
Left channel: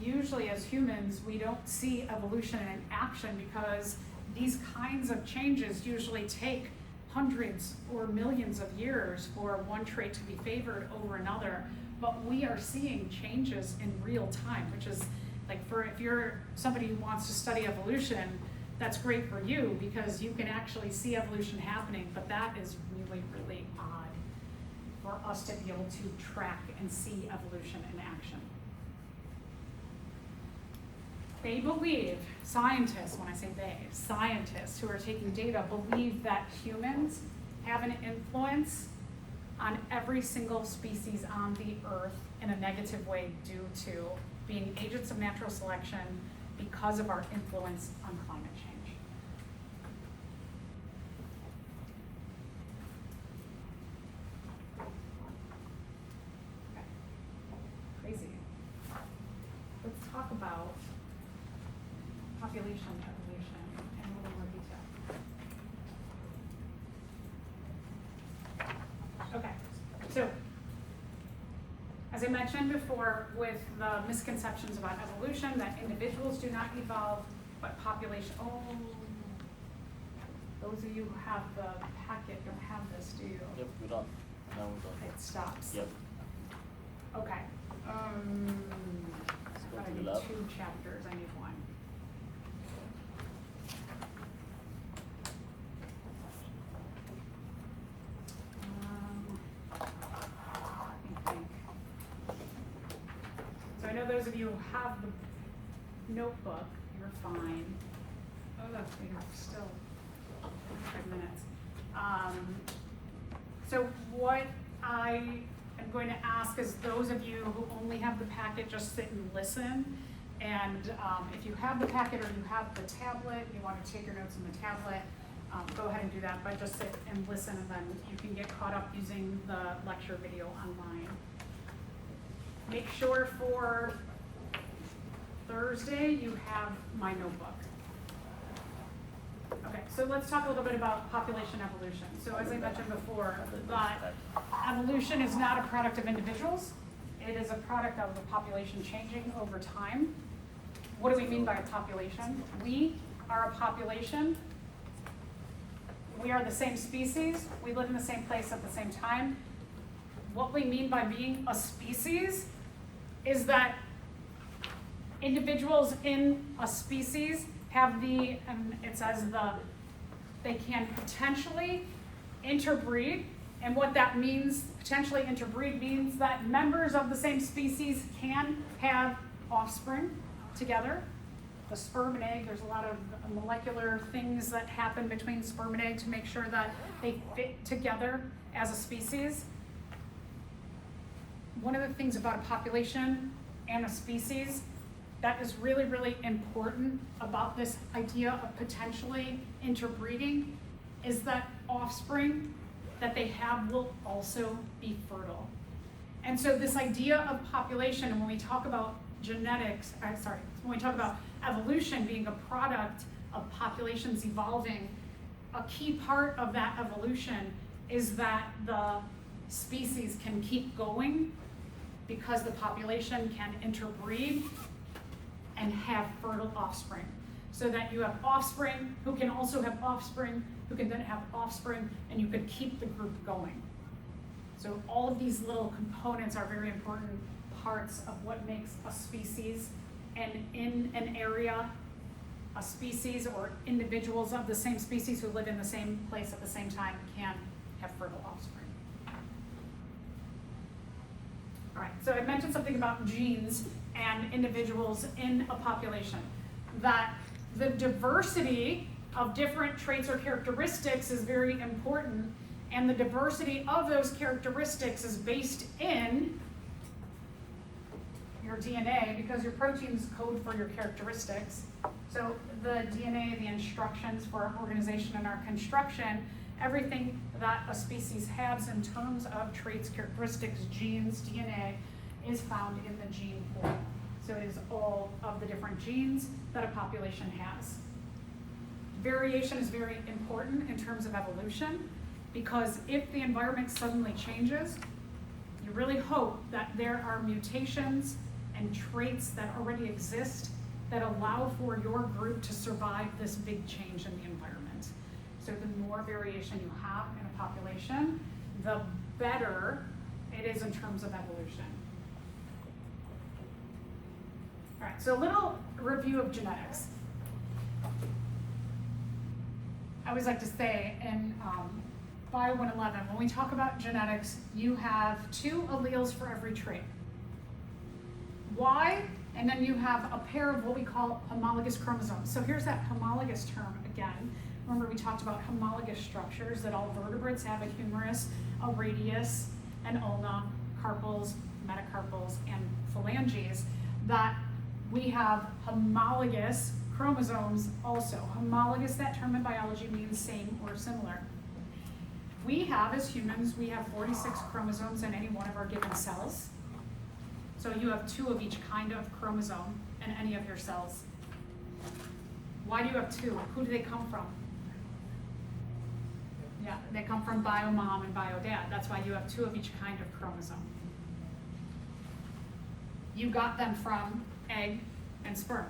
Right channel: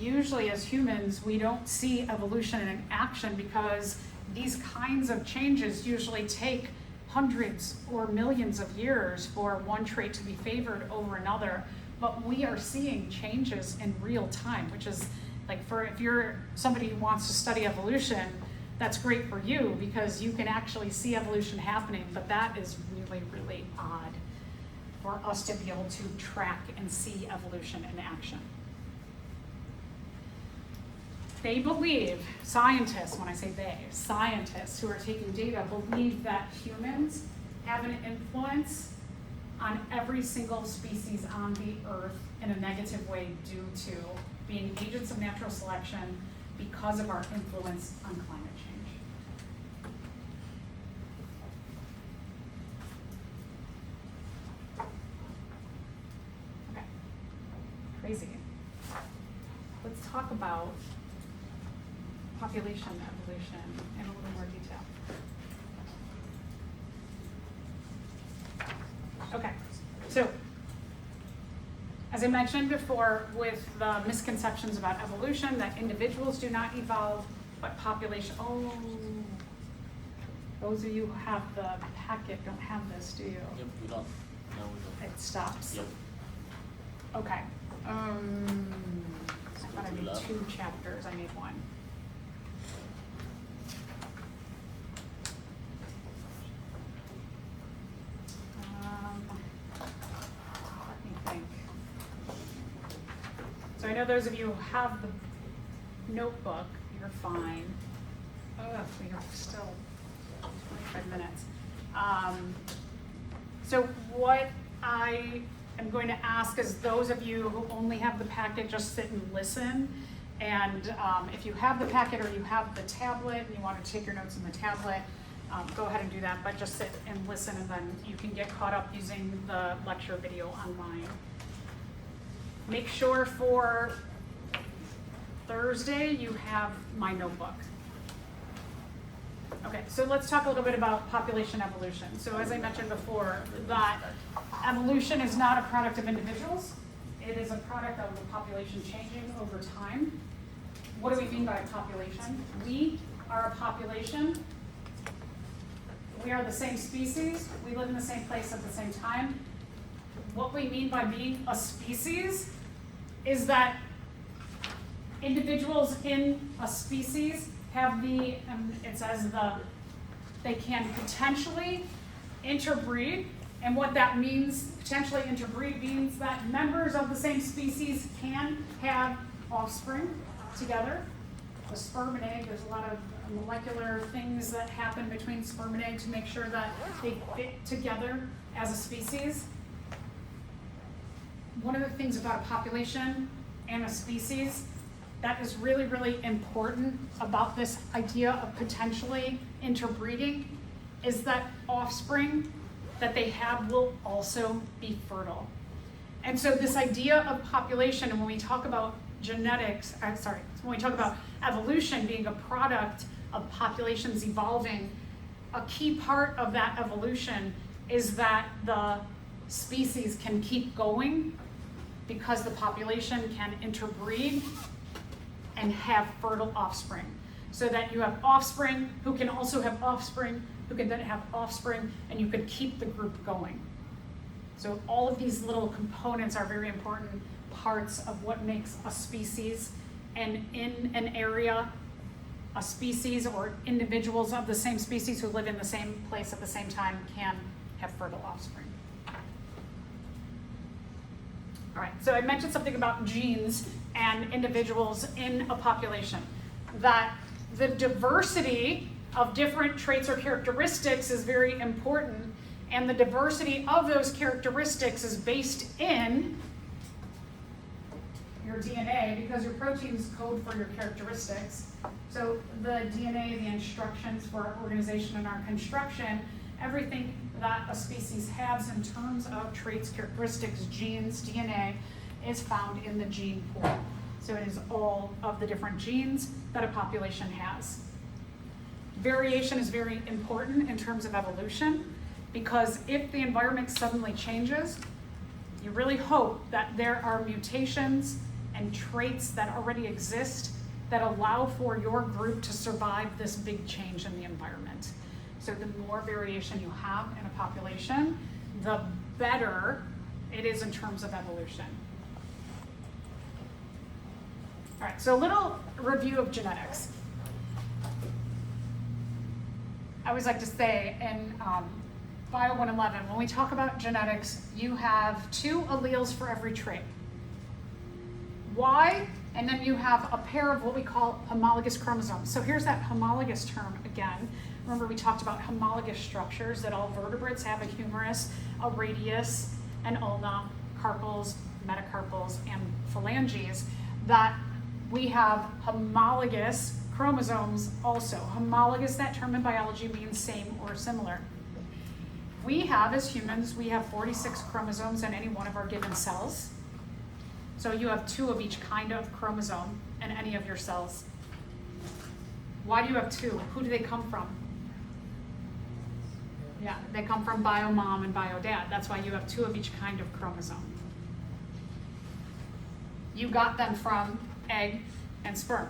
Usually as humans, we don't see evolution in action because these kinds of changes usually take hundreds or millions of years for one trait to be favored over another. But we are seeing changes in real time, which is like, if you're somebody who wants to study evolution, that's great for you because you can actually see evolution happening, but that is really, really odd for us to be able to track and see evolution in action. They believe, scientists, when I say they, scientists who are taking data believe that humans have an influence on every single species on the earth in a negative way due to being agents of natural selection because of our influence on climate change. Okay, crazy. Let's talk about population evolution in a little more detail. Okay, so as I mentioned before, with the misconceptions about evolution, that individuals do not evolve, but population, those of you who have the packet don't have this, do you? Yep, we don't. No, we don't. It stops. Yep. Okay. I thought I need 2 chapters, I need 1. Let me think. So I know those of you who have the notebook, you're fine. We have still 5 minutes. So what I am going to ask is those of you who only have the packet, just sit and listen. And if you have the packet or you have the tablet and you want to take your notes in the tablet, go ahead and do that, but just sit and listen, and then you can get caught up using the lecture video online. Make sure for Thursday you have my notebook. Okay, so let's talk a little bit about population evolution. So as I mentioned before, that evolution is not a product of individuals. It is a product of the population changing over time. What do we mean by population? We are a population. We are the same species. We live in the same place at the same time. What we mean by being a species is that individuals in a species have it says they can potentially interbreed. And what that means, potentially interbreed, means that members of the same species can have offspring together. the sperm and egg. There's a lot of molecular things that happen between sperm and egg to make sure that they fit together as a species. One of the things about a population and a species that is really, really important about this idea of potentially interbreeding is that offspring that they have will also be fertile. And so this idea of population, and when we talk about genetics, when we talk about evolution being a product of populations evolving, a key part of that evolution is that the species can keep going because the population can interbreed and have fertile offspring. So that you have offspring who can also have offspring, who can then have offspring, and you could keep the group going. So all of these little components are very important parts of what makes a species, and in an area, a species or individuals of the same species who live in the same place at the same time can have fertile offspring. All right, so I mentioned something about genes and individuals in a population, that the diversity of different traits or characteristics is very important, and the diversity of those characteristics is based in your DNA, because your proteins code for your characteristics. So the DNA, the instructions for our organization and our construction, everything that a species has in terms of traits, characteristics, genes, DNA, is found in the gene pool. So it is all of the different genes that a population has. Variation is very important in terms of evolution, because if the environment suddenly changes, you really hope that there are mutations and traits that already exist that allow for your group to survive this big change in the environment. So the more variation you have in a population, the better it is in terms of evolution. All right, so a little review of genetics. I always like to say in Bio 111, when we talk about genetics, you have 2 alleles for every trait. Y, and then you have a pair of what we call homologous chromosomes. So here's that homologous term again. Remember, we talked about homologous structures, that all vertebrates have a humerus, a radius, an ulna, carpals, metacarpals, and phalanges, that we have homologous chromosomes also. Homologous, that term in biology means same or similar. We have, as humans, we have 46 chromosomes in any one of our given cells. So you have 2 of each kind of chromosome in any of your cells. Why do you have 2? Who do they come from? Yeah, they come from bio mom and bio dad. That's why you have 2 of each kind of chromosome. You got them from egg and sperm.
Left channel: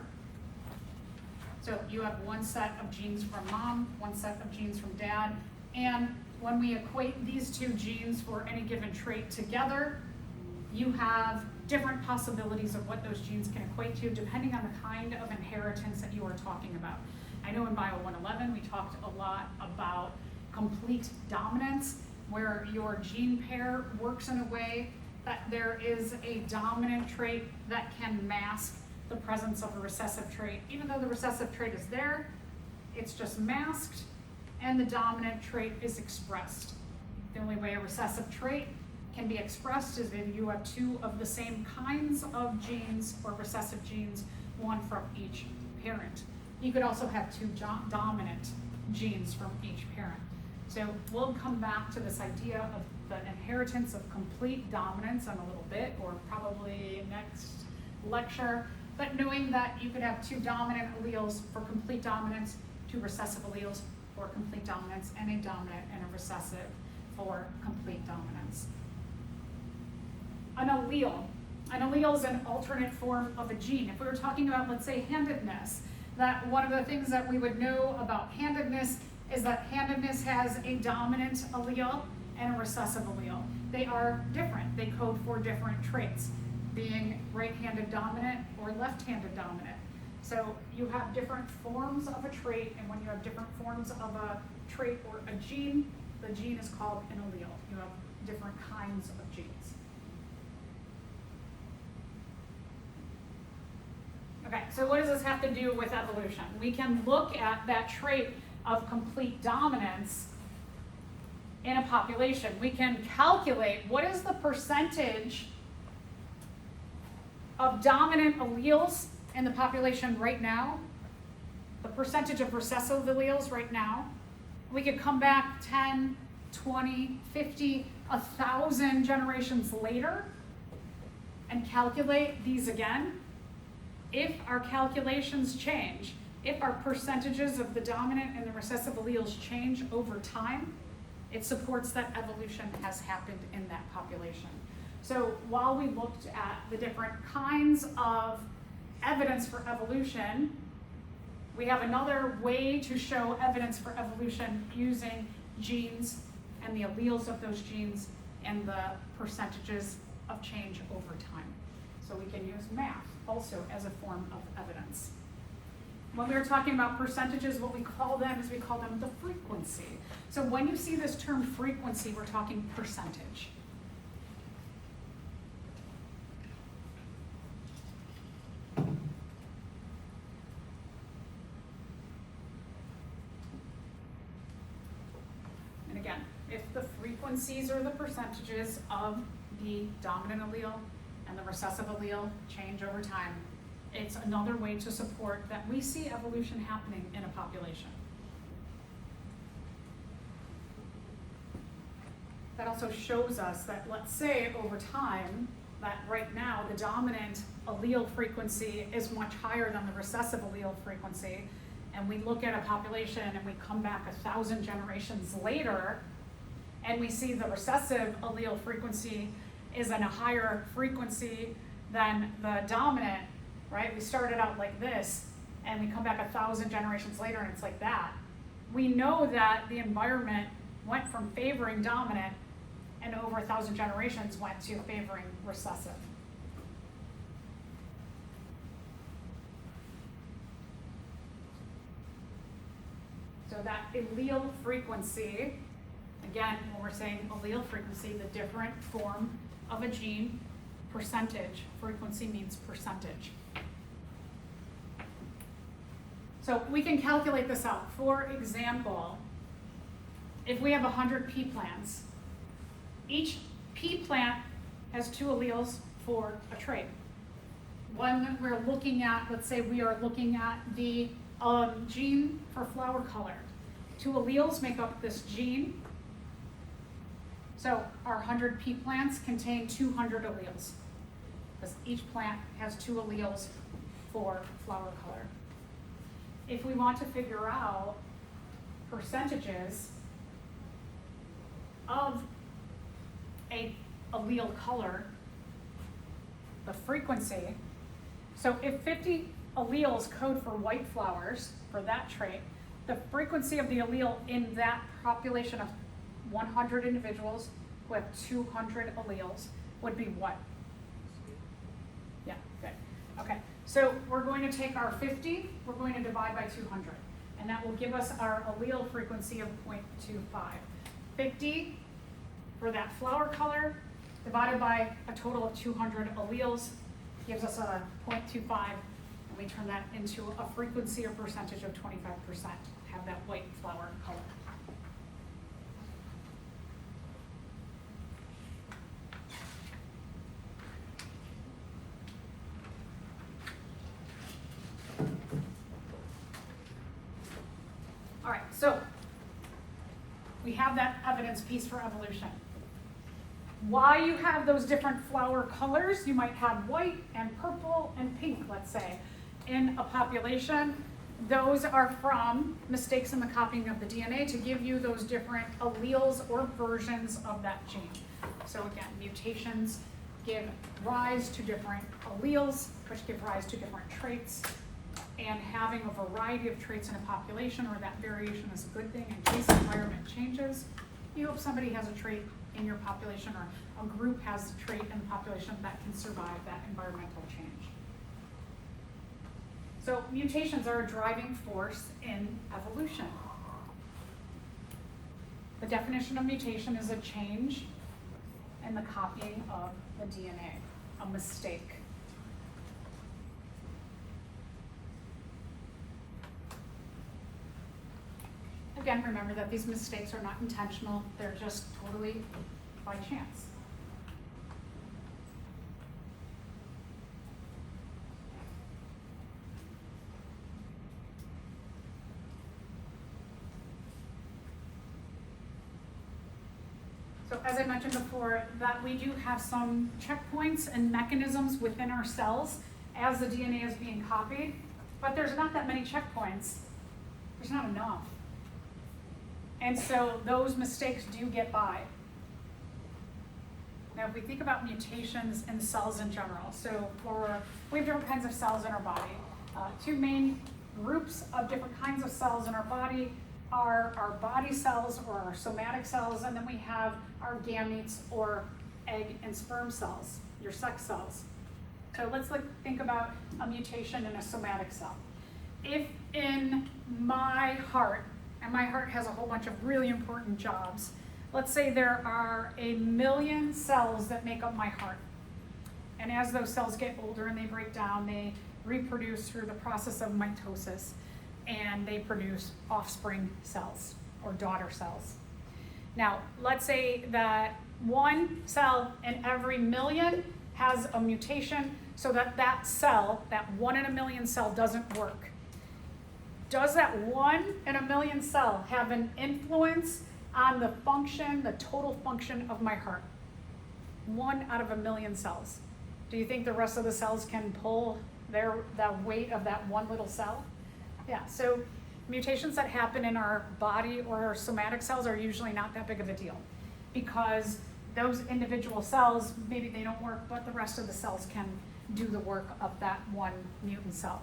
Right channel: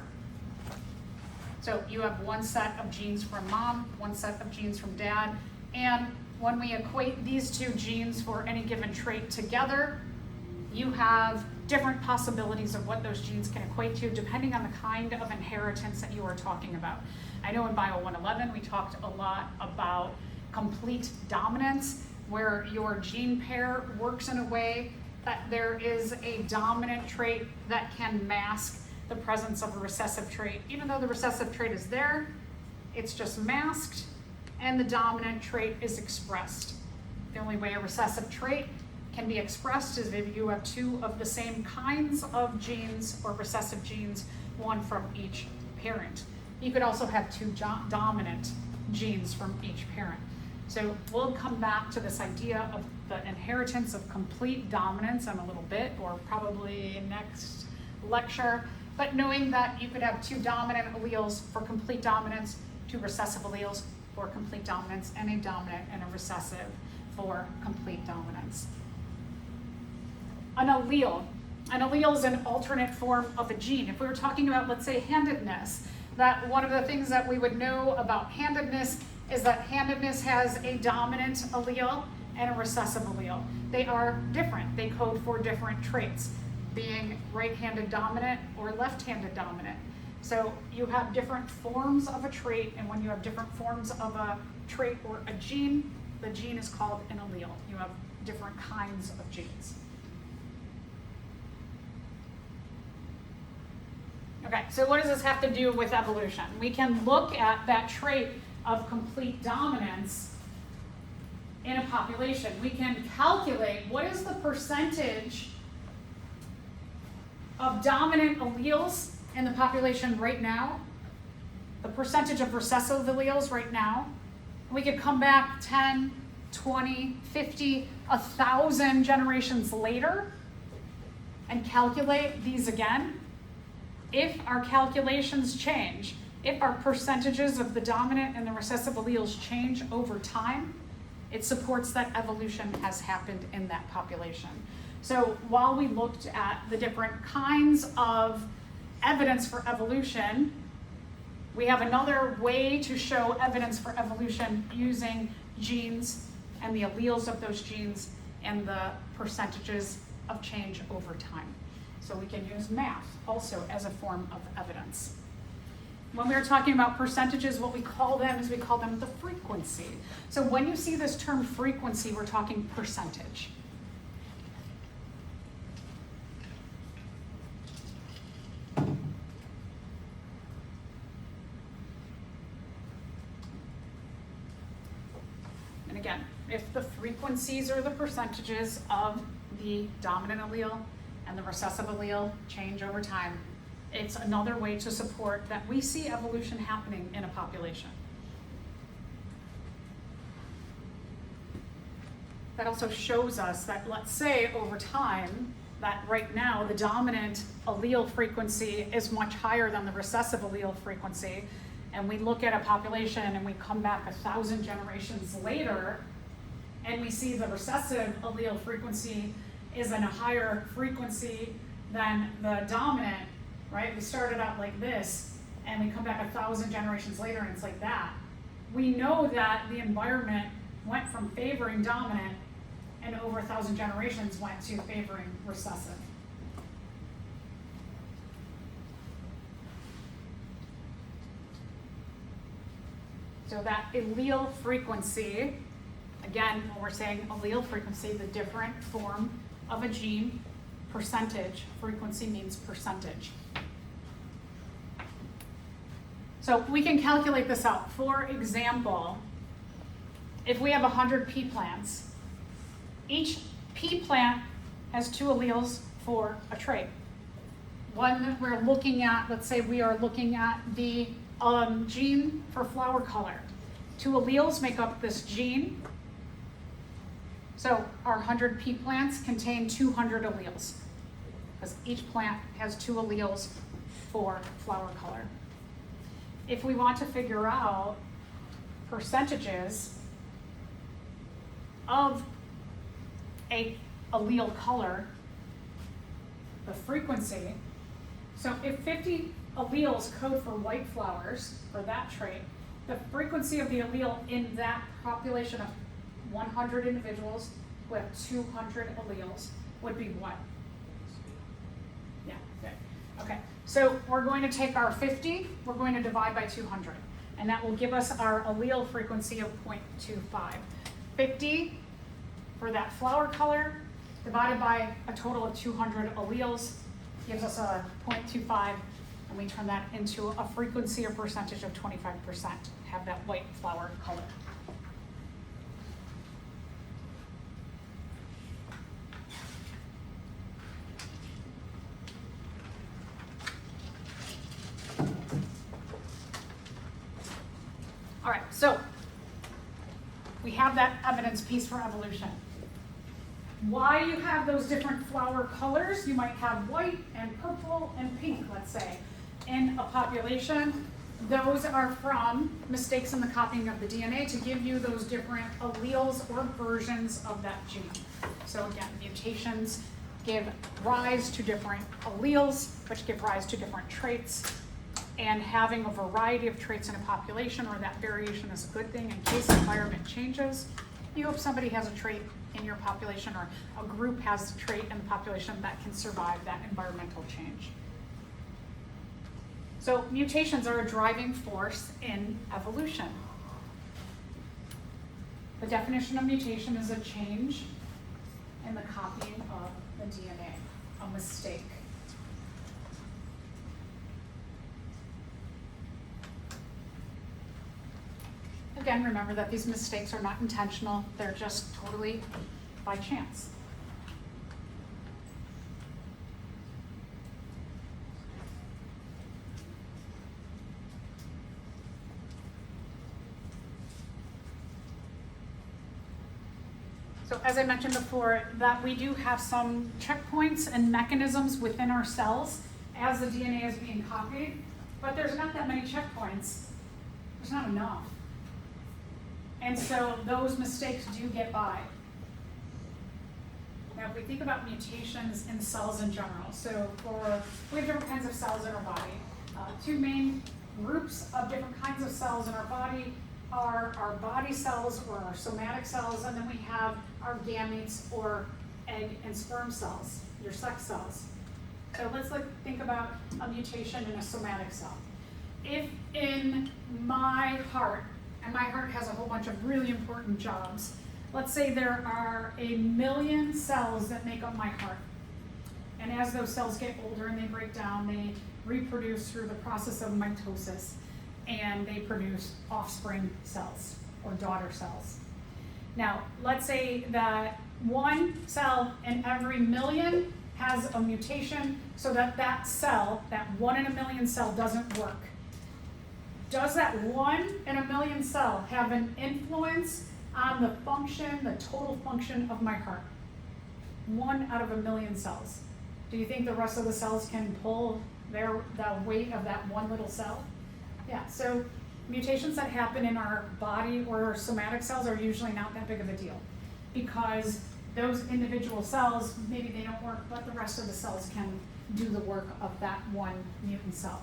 So you have 1 set of genes from mom, 1 set of genes from dad, and when we equate these 2 genes for any given trait together, you have different possibilities of what those genes can equate to depending on the kind of inheritance that you are talking about. I know in Bio 111 we talked a lot about complete dominance, where your gene pair works in a way that there is a dominant trait that can mask the presence of a recessive trait. Even though the recessive trait is there, it's just masked, and the dominant trait is expressed. The only way a recessive trait can be expressed is if you have 2 of the same kinds of genes or recessive genes, 1 from each parent. You could also have 2 dominant genes from each parent. So we'll come back to this idea of the inheritance of complete dominance in a little bit, or probably next lecture. But knowing that you could have 2 dominant alleles for complete dominance, 2 recessive alleles for complete dominance, and a dominant and a recessive for complete dominance. An allele is an alternate form of a gene. If we were talking about, let's say, handedness, that one of the things that we would know about handedness is that handedness has a dominant allele and a recessive allele. They are different. They code for different traits, being right-handed dominant or left-handed dominant. So you have different forms of a trait, and when you have different forms of a trait or a gene, the gene is called an allele. You have different kinds of genes. Okay, so what does this have to do with evolution? We can look at that trait of complete dominance in a population. We can calculate what is the percentage of dominant alleles in the population right now, the percentage of recessive alleles right now. We could come back 10, 20, 50, 1,000 generations later and calculate these again. If our calculations change, if our percentages of the dominant and the recessive alleles change over time, it supports that evolution has happened in that population. So while we looked at the different kinds of evidence for evolution, we have another way to show evidence for evolution using genes and the alleles of those genes and the percentages of change over time. So we can use math also as a form of evidence. When we were talking about percentages, what we call them is we call them the frequency. So when you see this term frequency, we're talking percentage. And again, if the frequencies or the percentages of the dominant allele and the recessive allele change over time, it's another way to support that we see evolution happening in a population. That also shows us that, let's say over time, that right now the dominant allele frequency is much higher than the recessive allele frequency, and we look at a population and we come back 1,000 generations later, and we see the recessive allele frequency is in a higher frequency than the dominant, right? We started out like this, and we come back 1,000 generations later, and it's like that. We know that the environment went from favoring dominant, and over 1,000 generations went to favoring recessive. So that allele frequency, again, when we're saying allele frequency, the different form of a gene, percentage, frequency means percentage. So we can calculate this out. For example, if we have 100 pea plants, each pea plant has 2 alleles for a trait. One we're looking at, let's say we are looking at the gene for flower color. 2 alleles make up this gene. So our 100 pea plants contain 200 alleles, because each plant has 2 alleles for flower color. If we want to figure out percentages of a allele color, the frequency, so if 50 alleles code for white flowers for that trait, the frequency of the allele in that population of 100 individuals with 200 alleles would be what? Yeah, good. Okay, so we're going to take our 50, we're going to divide by 200, and that will give us our allele frequency of 0.25. 50 for that flower color divided by a total of 200 alleles gives us a 0.25, and we turn that into a frequency or percentage of 25%, have that white flower color. All right, so we have that evidence piece for evolution. Why you have those different flower colors, you might have white and purple and pink, let's say, in a population. Those are from mistakes in the copying of the DNA to give you those different alleles or versions of that gene. So again, mutations give rise to different alleles, which give rise to different traits. And having a variety of traits in a population where that variation is a good thing in case the environment changes. You hope somebody has a trait in your population, or a group has a trait in the population that can survive that environmental change. So mutations are a driving force in evolution. The definition of mutation is a change in the copying of the DNA, a mistake. again, remember that these mistakes are not intentional, they're just totally by chance. So as I mentioned before, that we do have some checkpoints and mechanisms within our cells as the DNA is being copied, but there's not that many checkpoints. There's not enough. And so those mistakes do get by. Now if we think about mutations in cells in general, so we have different kinds of cells in our body. Two main groups of different kinds of cells in our body are our body cells or our somatic cells, and then we have our gametes or egg and sperm cells, your sex cells. So let's think about a mutation in a somatic cell. If in my heart, and my heart has a whole bunch of really important jobs, let's say there are 1 million cells that make up my heart. And as those cells get older and they break down, they reproduce through the process of mitosis, and they produce offspring cells or daughter cells. Now, let's say that 1 cell in every 1 million has a mutation so that that cell, that 1 in 1 million cell doesn't work. Does that 1 in 1 million cell have an influence on the function, the total function of my heart? 1 out of 1 million cells. Do you think the rest of the cells can pull the weight of that one little cell? Yeah, so mutations that happen in our body or our somatic cells are usually not that big of a deal, because those individual cells, maybe they don't work, but the rest of the cells can do the work of that one mutant cell.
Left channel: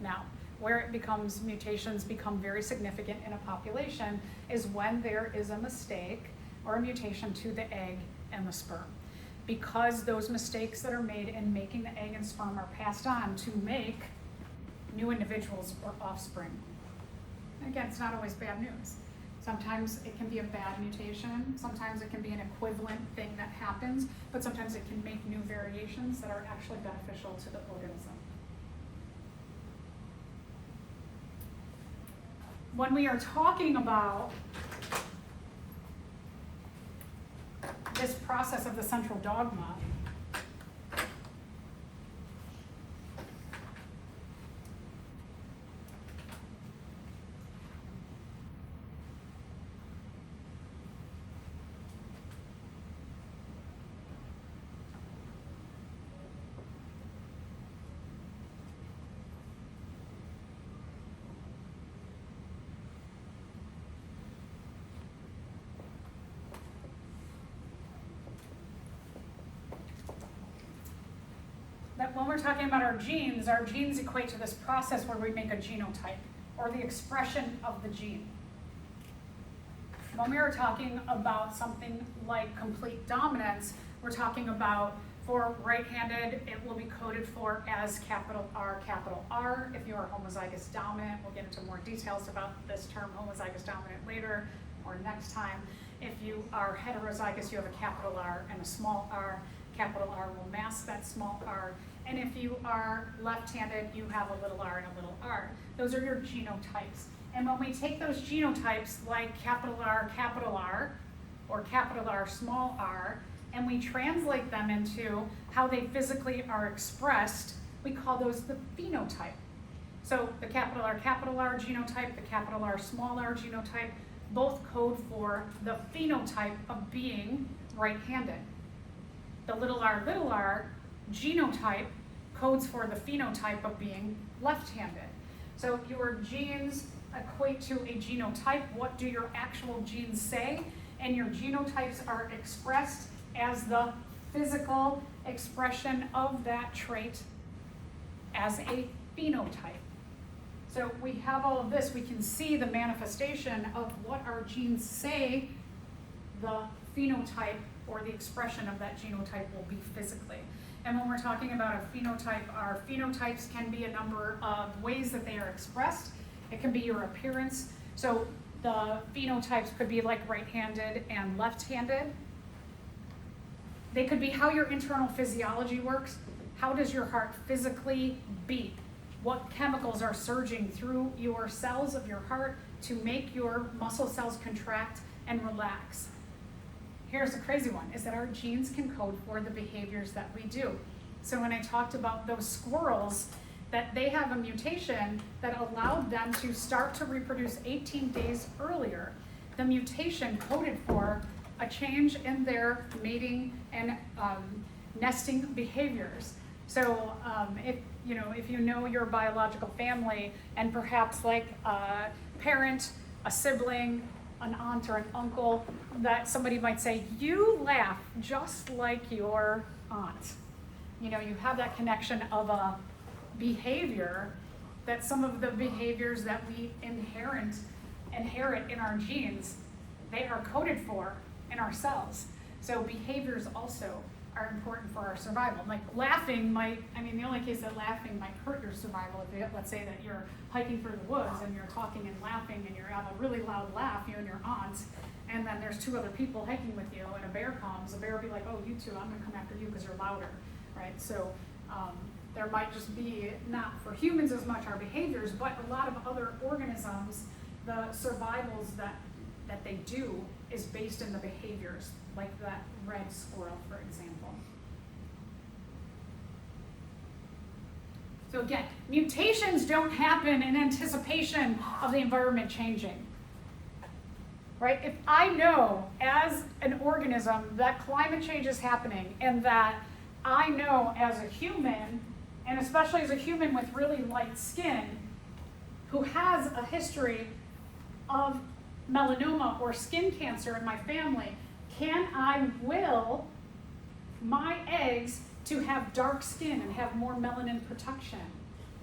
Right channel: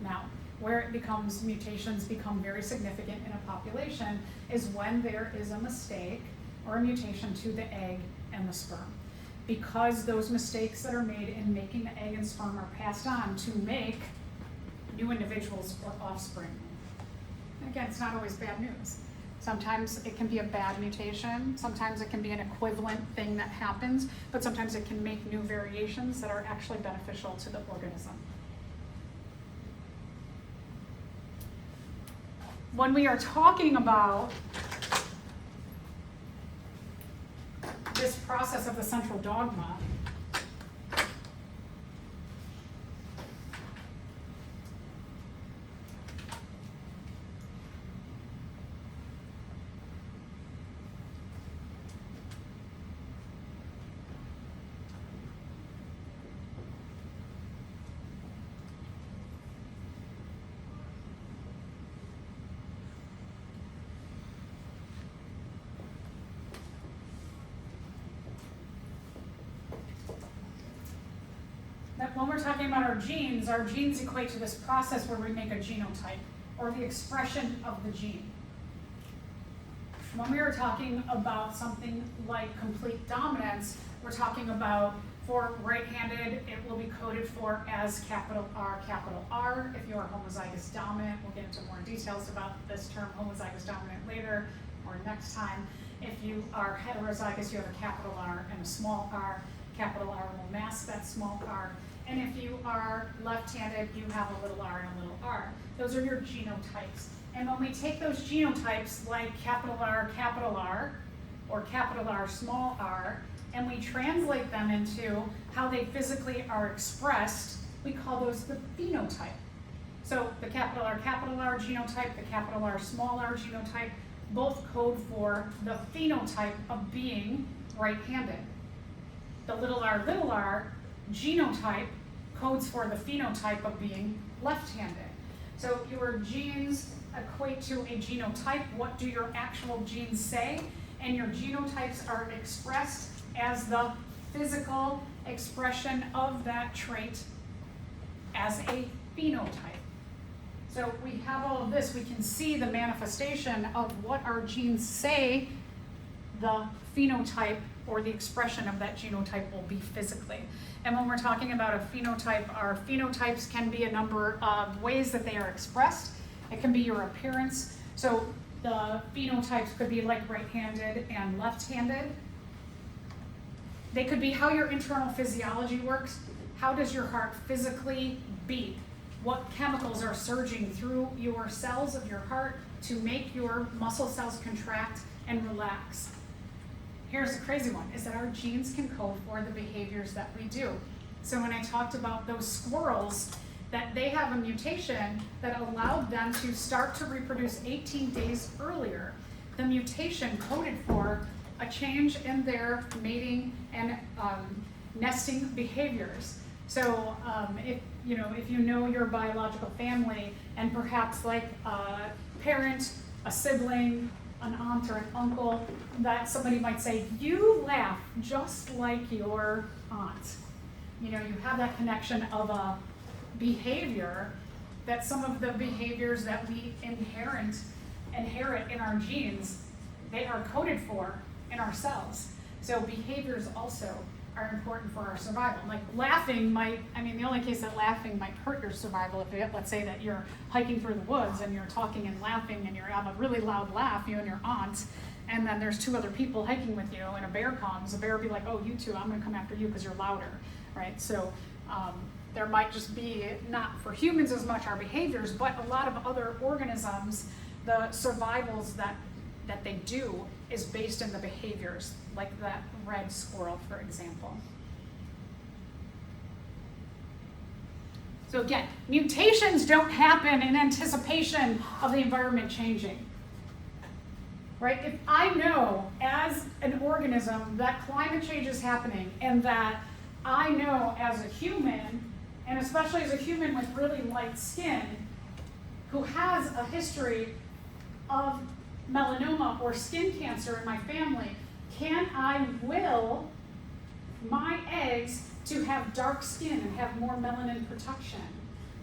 Now, where mutations become very significant in a population is when there is a mistake or a mutation to the egg and the sperm. Because those mistakes that are made in making the egg and sperm are passed on to make new individuals or offspring. And again, it's not always bad news. Sometimes it can be a bad mutation, sometimes it can be an equivalent thing that happens, but sometimes it can make new variations that are actually beneficial to the organism. When we are talking about this process of the central dogma, when we're talking about our genes equate to this process where we make a genotype, or the expression of the gene. When we are talking about something like complete dominance, we're talking about, for right-handed, it will be coded for as capital R, capital R. If you are homozygous dominant, we'll get into more details about this term homozygous dominant later or next time. If you are heterozygous, you have a capital R and a small r. Capital R will mask that small r. And if you are left-handed, you have a little r and a little r. Those are your genotypes. And when we take those genotypes, like capital R, or capital R, small r, and we translate them into how they physically are expressed, we call those the phenotype. So the capital R genotype, the capital R, small r genotype, both code for the phenotype of being right-handed. The little r genotype codes for the phenotype of being left-handed. So your genes equate to a genotype. What do your actual genes say? And your genotypes are expressed as the physical expression of that trait as a phenotype. So we have all of this. We can see the manifestation of what our genes say the phenotype or the expression of that genotype will be physically. And when we're talking about a phenotype, our phenotypes can be a number of ways that they are expressed. It can be your appearance. So the phenotypes could be like right-handed and left-handed. They could be how your internal physiology works. How does your heart physically beat? what chemicals are surging through your cells of your heart to make your muscle cells contract and relax. Here's the crazy one, is that our genes can code for the behaviors that we do. So when I talked about those squirrels, that they have a mutation that allowed them to start to reproduce 18 days earlier. The mutation coded for a change in their mating and nesting behaviors. So if you know your biological family, and perhaps like a parent, a sibling, an aunt or an uncle, that somebody might say, you laugh just like your aunt. You have that connection of a behavior, that some of the behaviors that we inherit in our genes, they are coded for in our cells. So behaviors also are important for our survival. Like laughing the only case that laughing might hurt your survival, if let's say that you're hiking through the woods and you're talking and laughing and you're having a really loud laugh, you and your aunt, and then there's two other people hiking with you and a bear comes, the bear will be like, oh, you two, I'm gonna come after you because you're louder, right? So there might just be, not for humans as much our behaviors, but a lot of other organisms, the survivals that they do is based in the behaviors, like that red squirrel, for example. So again, mutations don't happen in anticipation of the environment changing, right? If I know as an organism that climate change is happening, and that I know as a human, and especially as a human with really light skin, who has a history of melanoma or skin cancer in my family, can I will my eggs to have dark skin and have more melanin protection?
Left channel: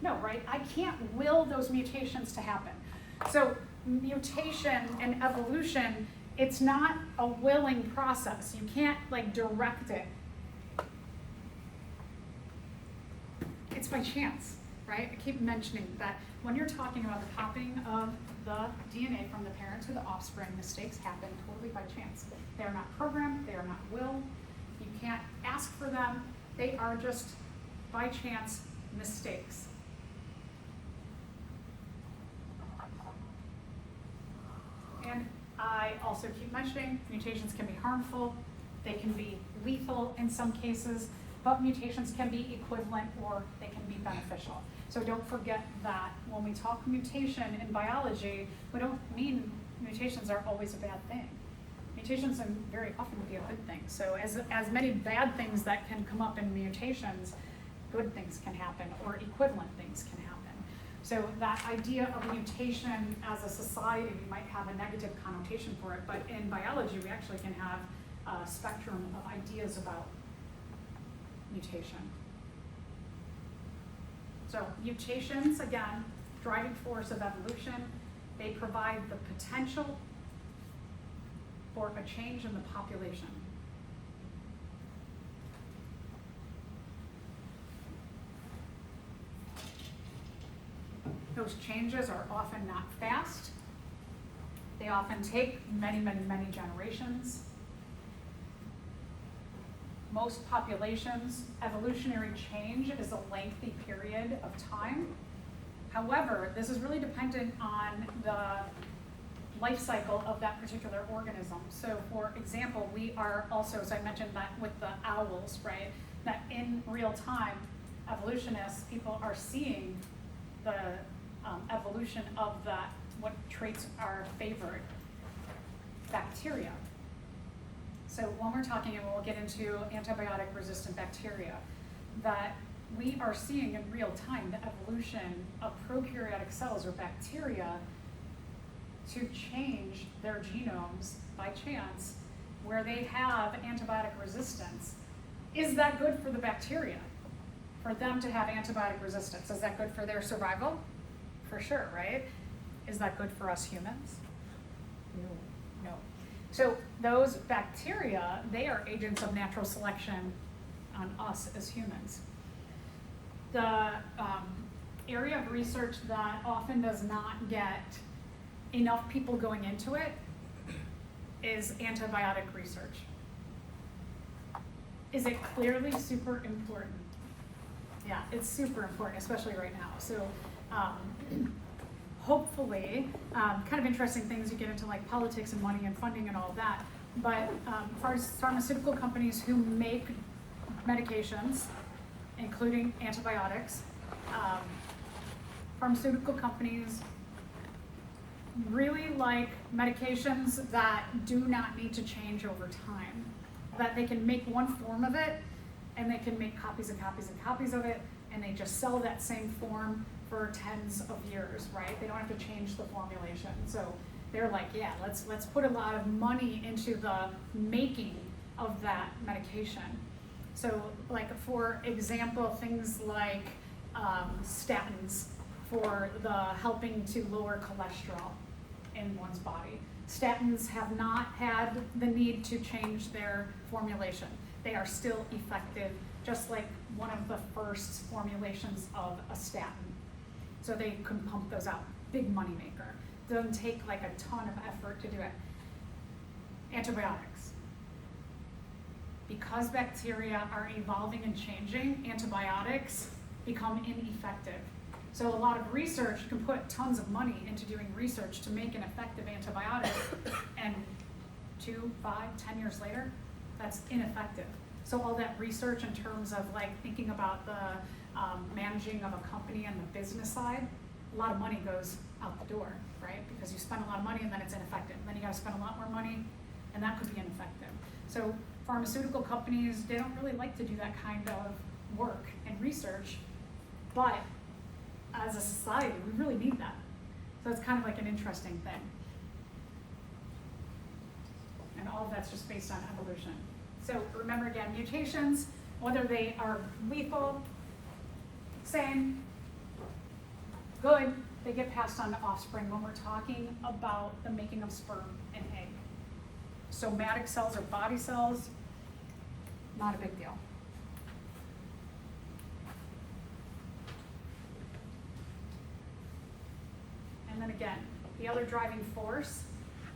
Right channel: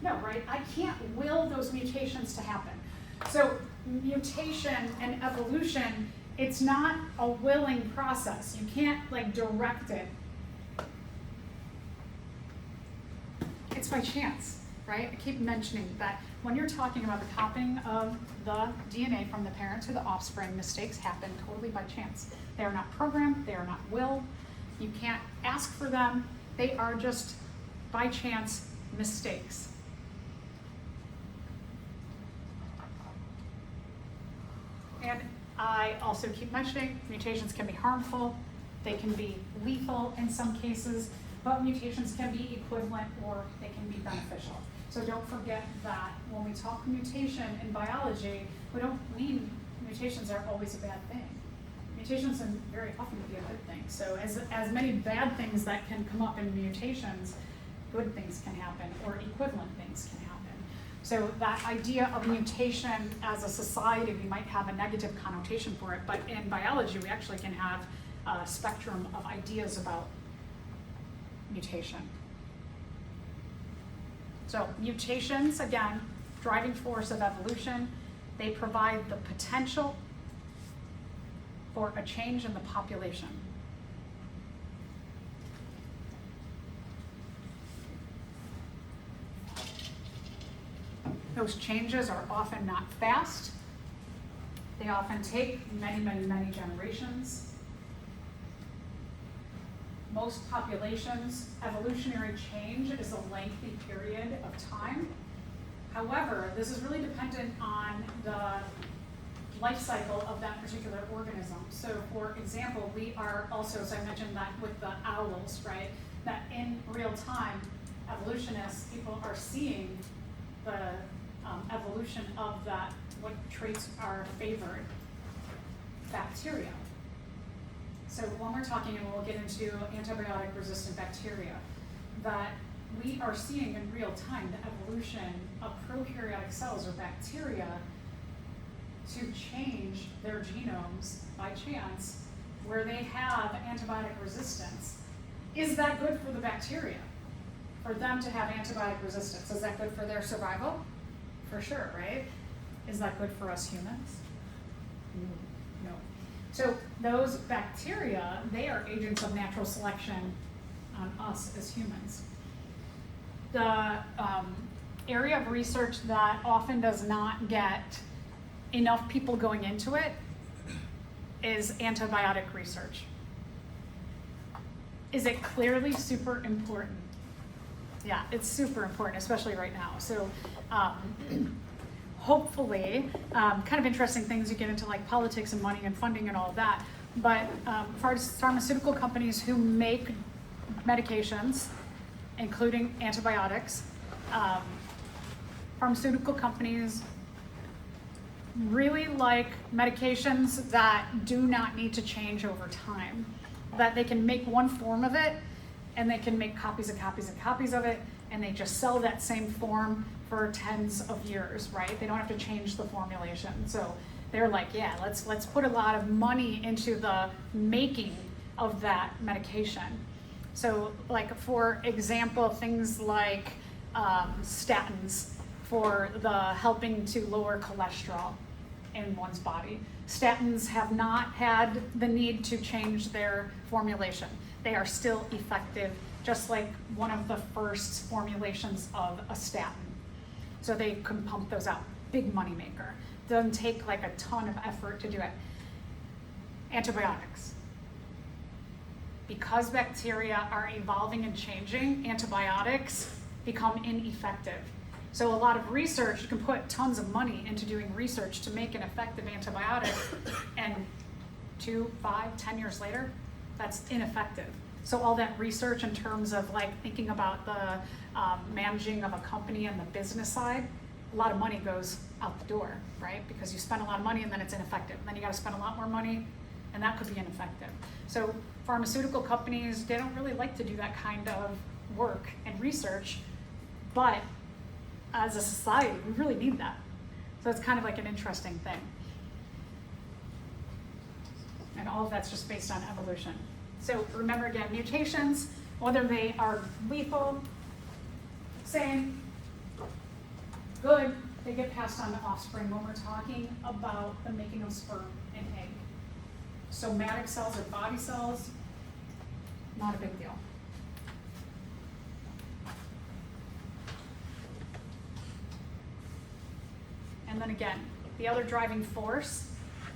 No, right? I can't will those mutations to happen. So mutation and evolution, it's not a willing process. You can't direct it. It's by chance, right? I keep mentioning that when you're talking about the copying of the DNA from the parent to the offspring, mistakes happen totally by chance. They are not programmed, they are not willed. You can't ask for them. They are just by chance mistakes. And I also keep mentioning mutations can be harmful, they can be lethal in some cases, but mutations can be equivalent or they can be beneficial. So don't forget that when we talk mutation in biology, we don't mean mutations are always a bad thing. Mutations can very often be a good thing. So as many bad things that can come up in mutations, good things can happen or equivalent things can happen. So that idea of mutation as a society, we might have a negative connotation for it, but in biology we actually can have a spectrum of ideas about mutation. So mutations, again, driving force of evolution, they provide the potential for a change in the population. Those changes are often not fast. They often take many, many, many generations. Most populations, evolutionary change is a lengthy period of time. However, this is really dependent on the life cycle of that particular organism. So for example, we are also, so I mentioned that with the owls, right? That in real time, evolutionists, people are seeing the evolution of that, what traits are favored, bacteria. So when we're talking, and we'll get into antibiotic resistant bacteria, that we are seeing in real time the evolution of prokaryotic cells or bacteria to change their genomes by chance where they have antibiotic resistance. Is that good for the bacteria? For them to have antibiotic resistance, is that good for their survival? For sure, right? Is that good for us humans? No. So those bacteria, they are agents of natural selection on us as humans. The area of research that often does not get enough people going into it is antibiotic research. Is it clearly super important? yeah, it's super important, especially right now. So hopefully, kind of interesting things, you get into like politics and money and funding and all of that, but pharmaceutical companies who make medications, including antibiotics, pharmaceutical companies really like medications that do not need to change over time, that they can make one form of it and they can make copies and copies and copies of it, and they just sell that same form for tens of years, right? They don't have to change the formulation. So they're like, yeah, let's put a lot of money into the making of that medication. So like, for example, things like statins for the helping to lower cholesterol in one's body. Statins have not had the need to change their formulation. They are still effective, just like one of the first formulations of a statin. So they can pump those out. Big money maker. Doesn't take like a ton of effort to do it. Antibiotics. Because bacteria are evolving and changing, antibiotics become ineffective. So a lot of research, you can put tons of money into doing research to make an effective antibiotic, and 2, 5, 10 years later, that's ineffective. So all that research in terms of like thinking about the managing of a company and the business side, a lot of money goes out the door, right? Because you spend a lot of money and then it's ineffective. Then you gotta spend a lot more money and that could be ineffective. So pharmaceutical companies, they don't really like to do that kind of work and research, but as a society, we really need that. So it's kind of like an interesting thing. And all of that's just based on evolution. So remember again, mutations, whether they are lethal, same, good, they get passed on to offspring when we're talking about the making of sperm and egg. Somatic cells or body cells, not a big deal. And then again, the other driving force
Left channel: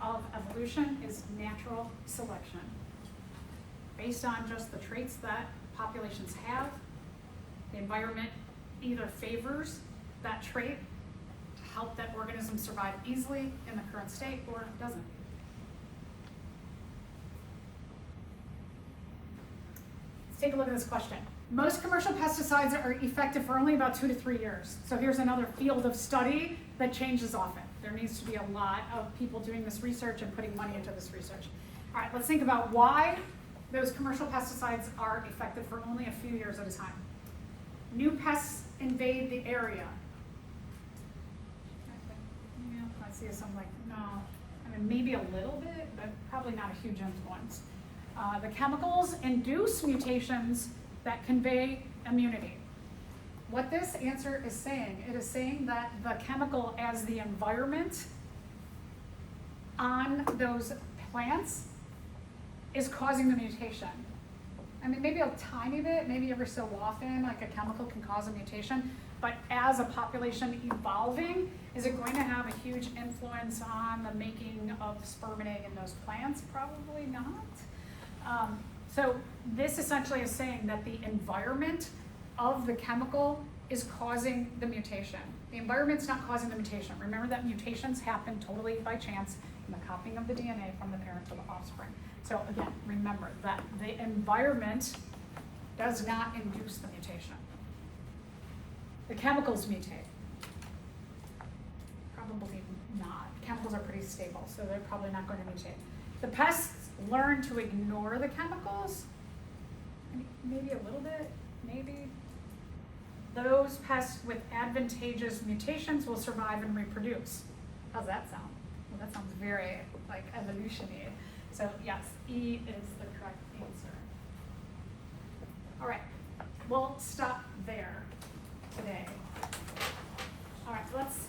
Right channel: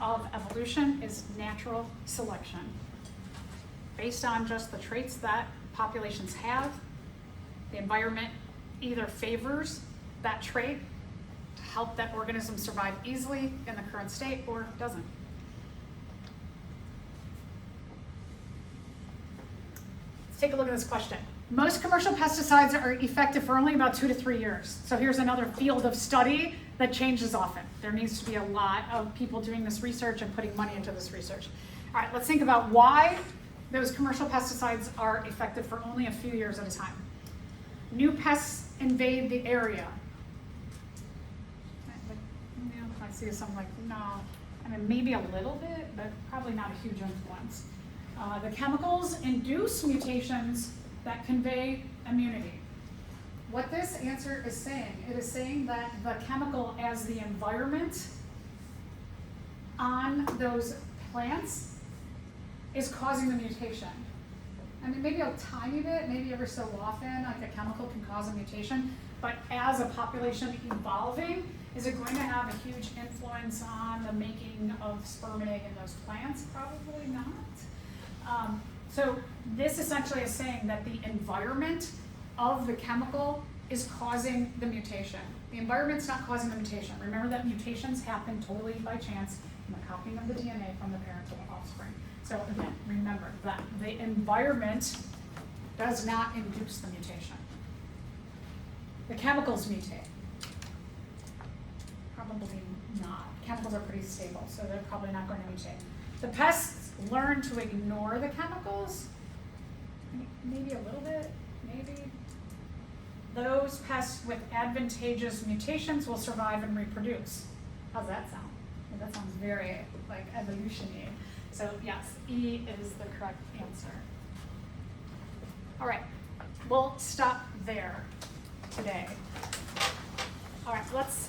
of evolution is natural selection. Based on just the traits that populations have, the environment either favors that trait to help that organism survive easily in the current state, or doesn't. Let's take a look at this question. Most commercial pesticides are effective for only about 2 to 3 years. So here's another field of study that changes often. There needs to be a lot of people doing this research and putting money into this research. All right, let's think about why those commercial pesticides are effective for only a few years at a time. New pests invade the area. I see something like, no, I mean, maybe a little bit, but probably not a huge influence. The chemicals induce mutations that convey immunity. What this answer is saying, it is saying that the chemical as the environment on those plants is causing the mutation. I mean, maybe a tiny bit, maybe every so often, like a chemical can cause a mutation, but as a population evolving, is it going to have a huge influence on the making of sperm and egg in those plants? Probably not. So this essentially is saying that the environment of the chemical is causing the mutation. The environment's not causing the mutation. Remember that mutations happen totally by chance in the copying of the DNA from the parent to the offspring. So again, remember that the environment does not induce the mutation. The chemicals mutate. Probably not. Chemicals are pretty stable, so they're probably not going to mutate. The pests learn to ignore the chemicals. Maybe a little bit, maybe. Those pests with advantageous mutations will survive and reproduce. How's that sound? Well, that sounds very like evolution-y. So yes, E is the correct answer. All right, we'll stop there today. All right, let's,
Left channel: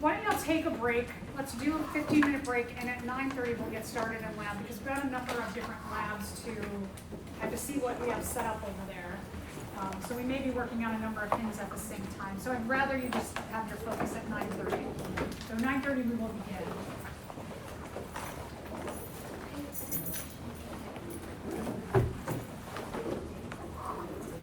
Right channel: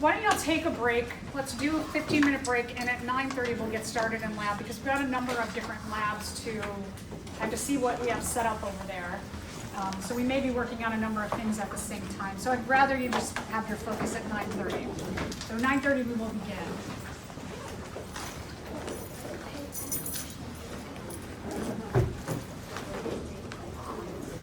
why don't y'all take a break? Let's do a 15-minute break, and at 9:30 we'll get started in lab, because we've got a number of different labs to have to see what we have set up over there. So we may be working on a number of things at the same time. So I'd rather you just have your focus at 9:30. So 9:30 we will begin.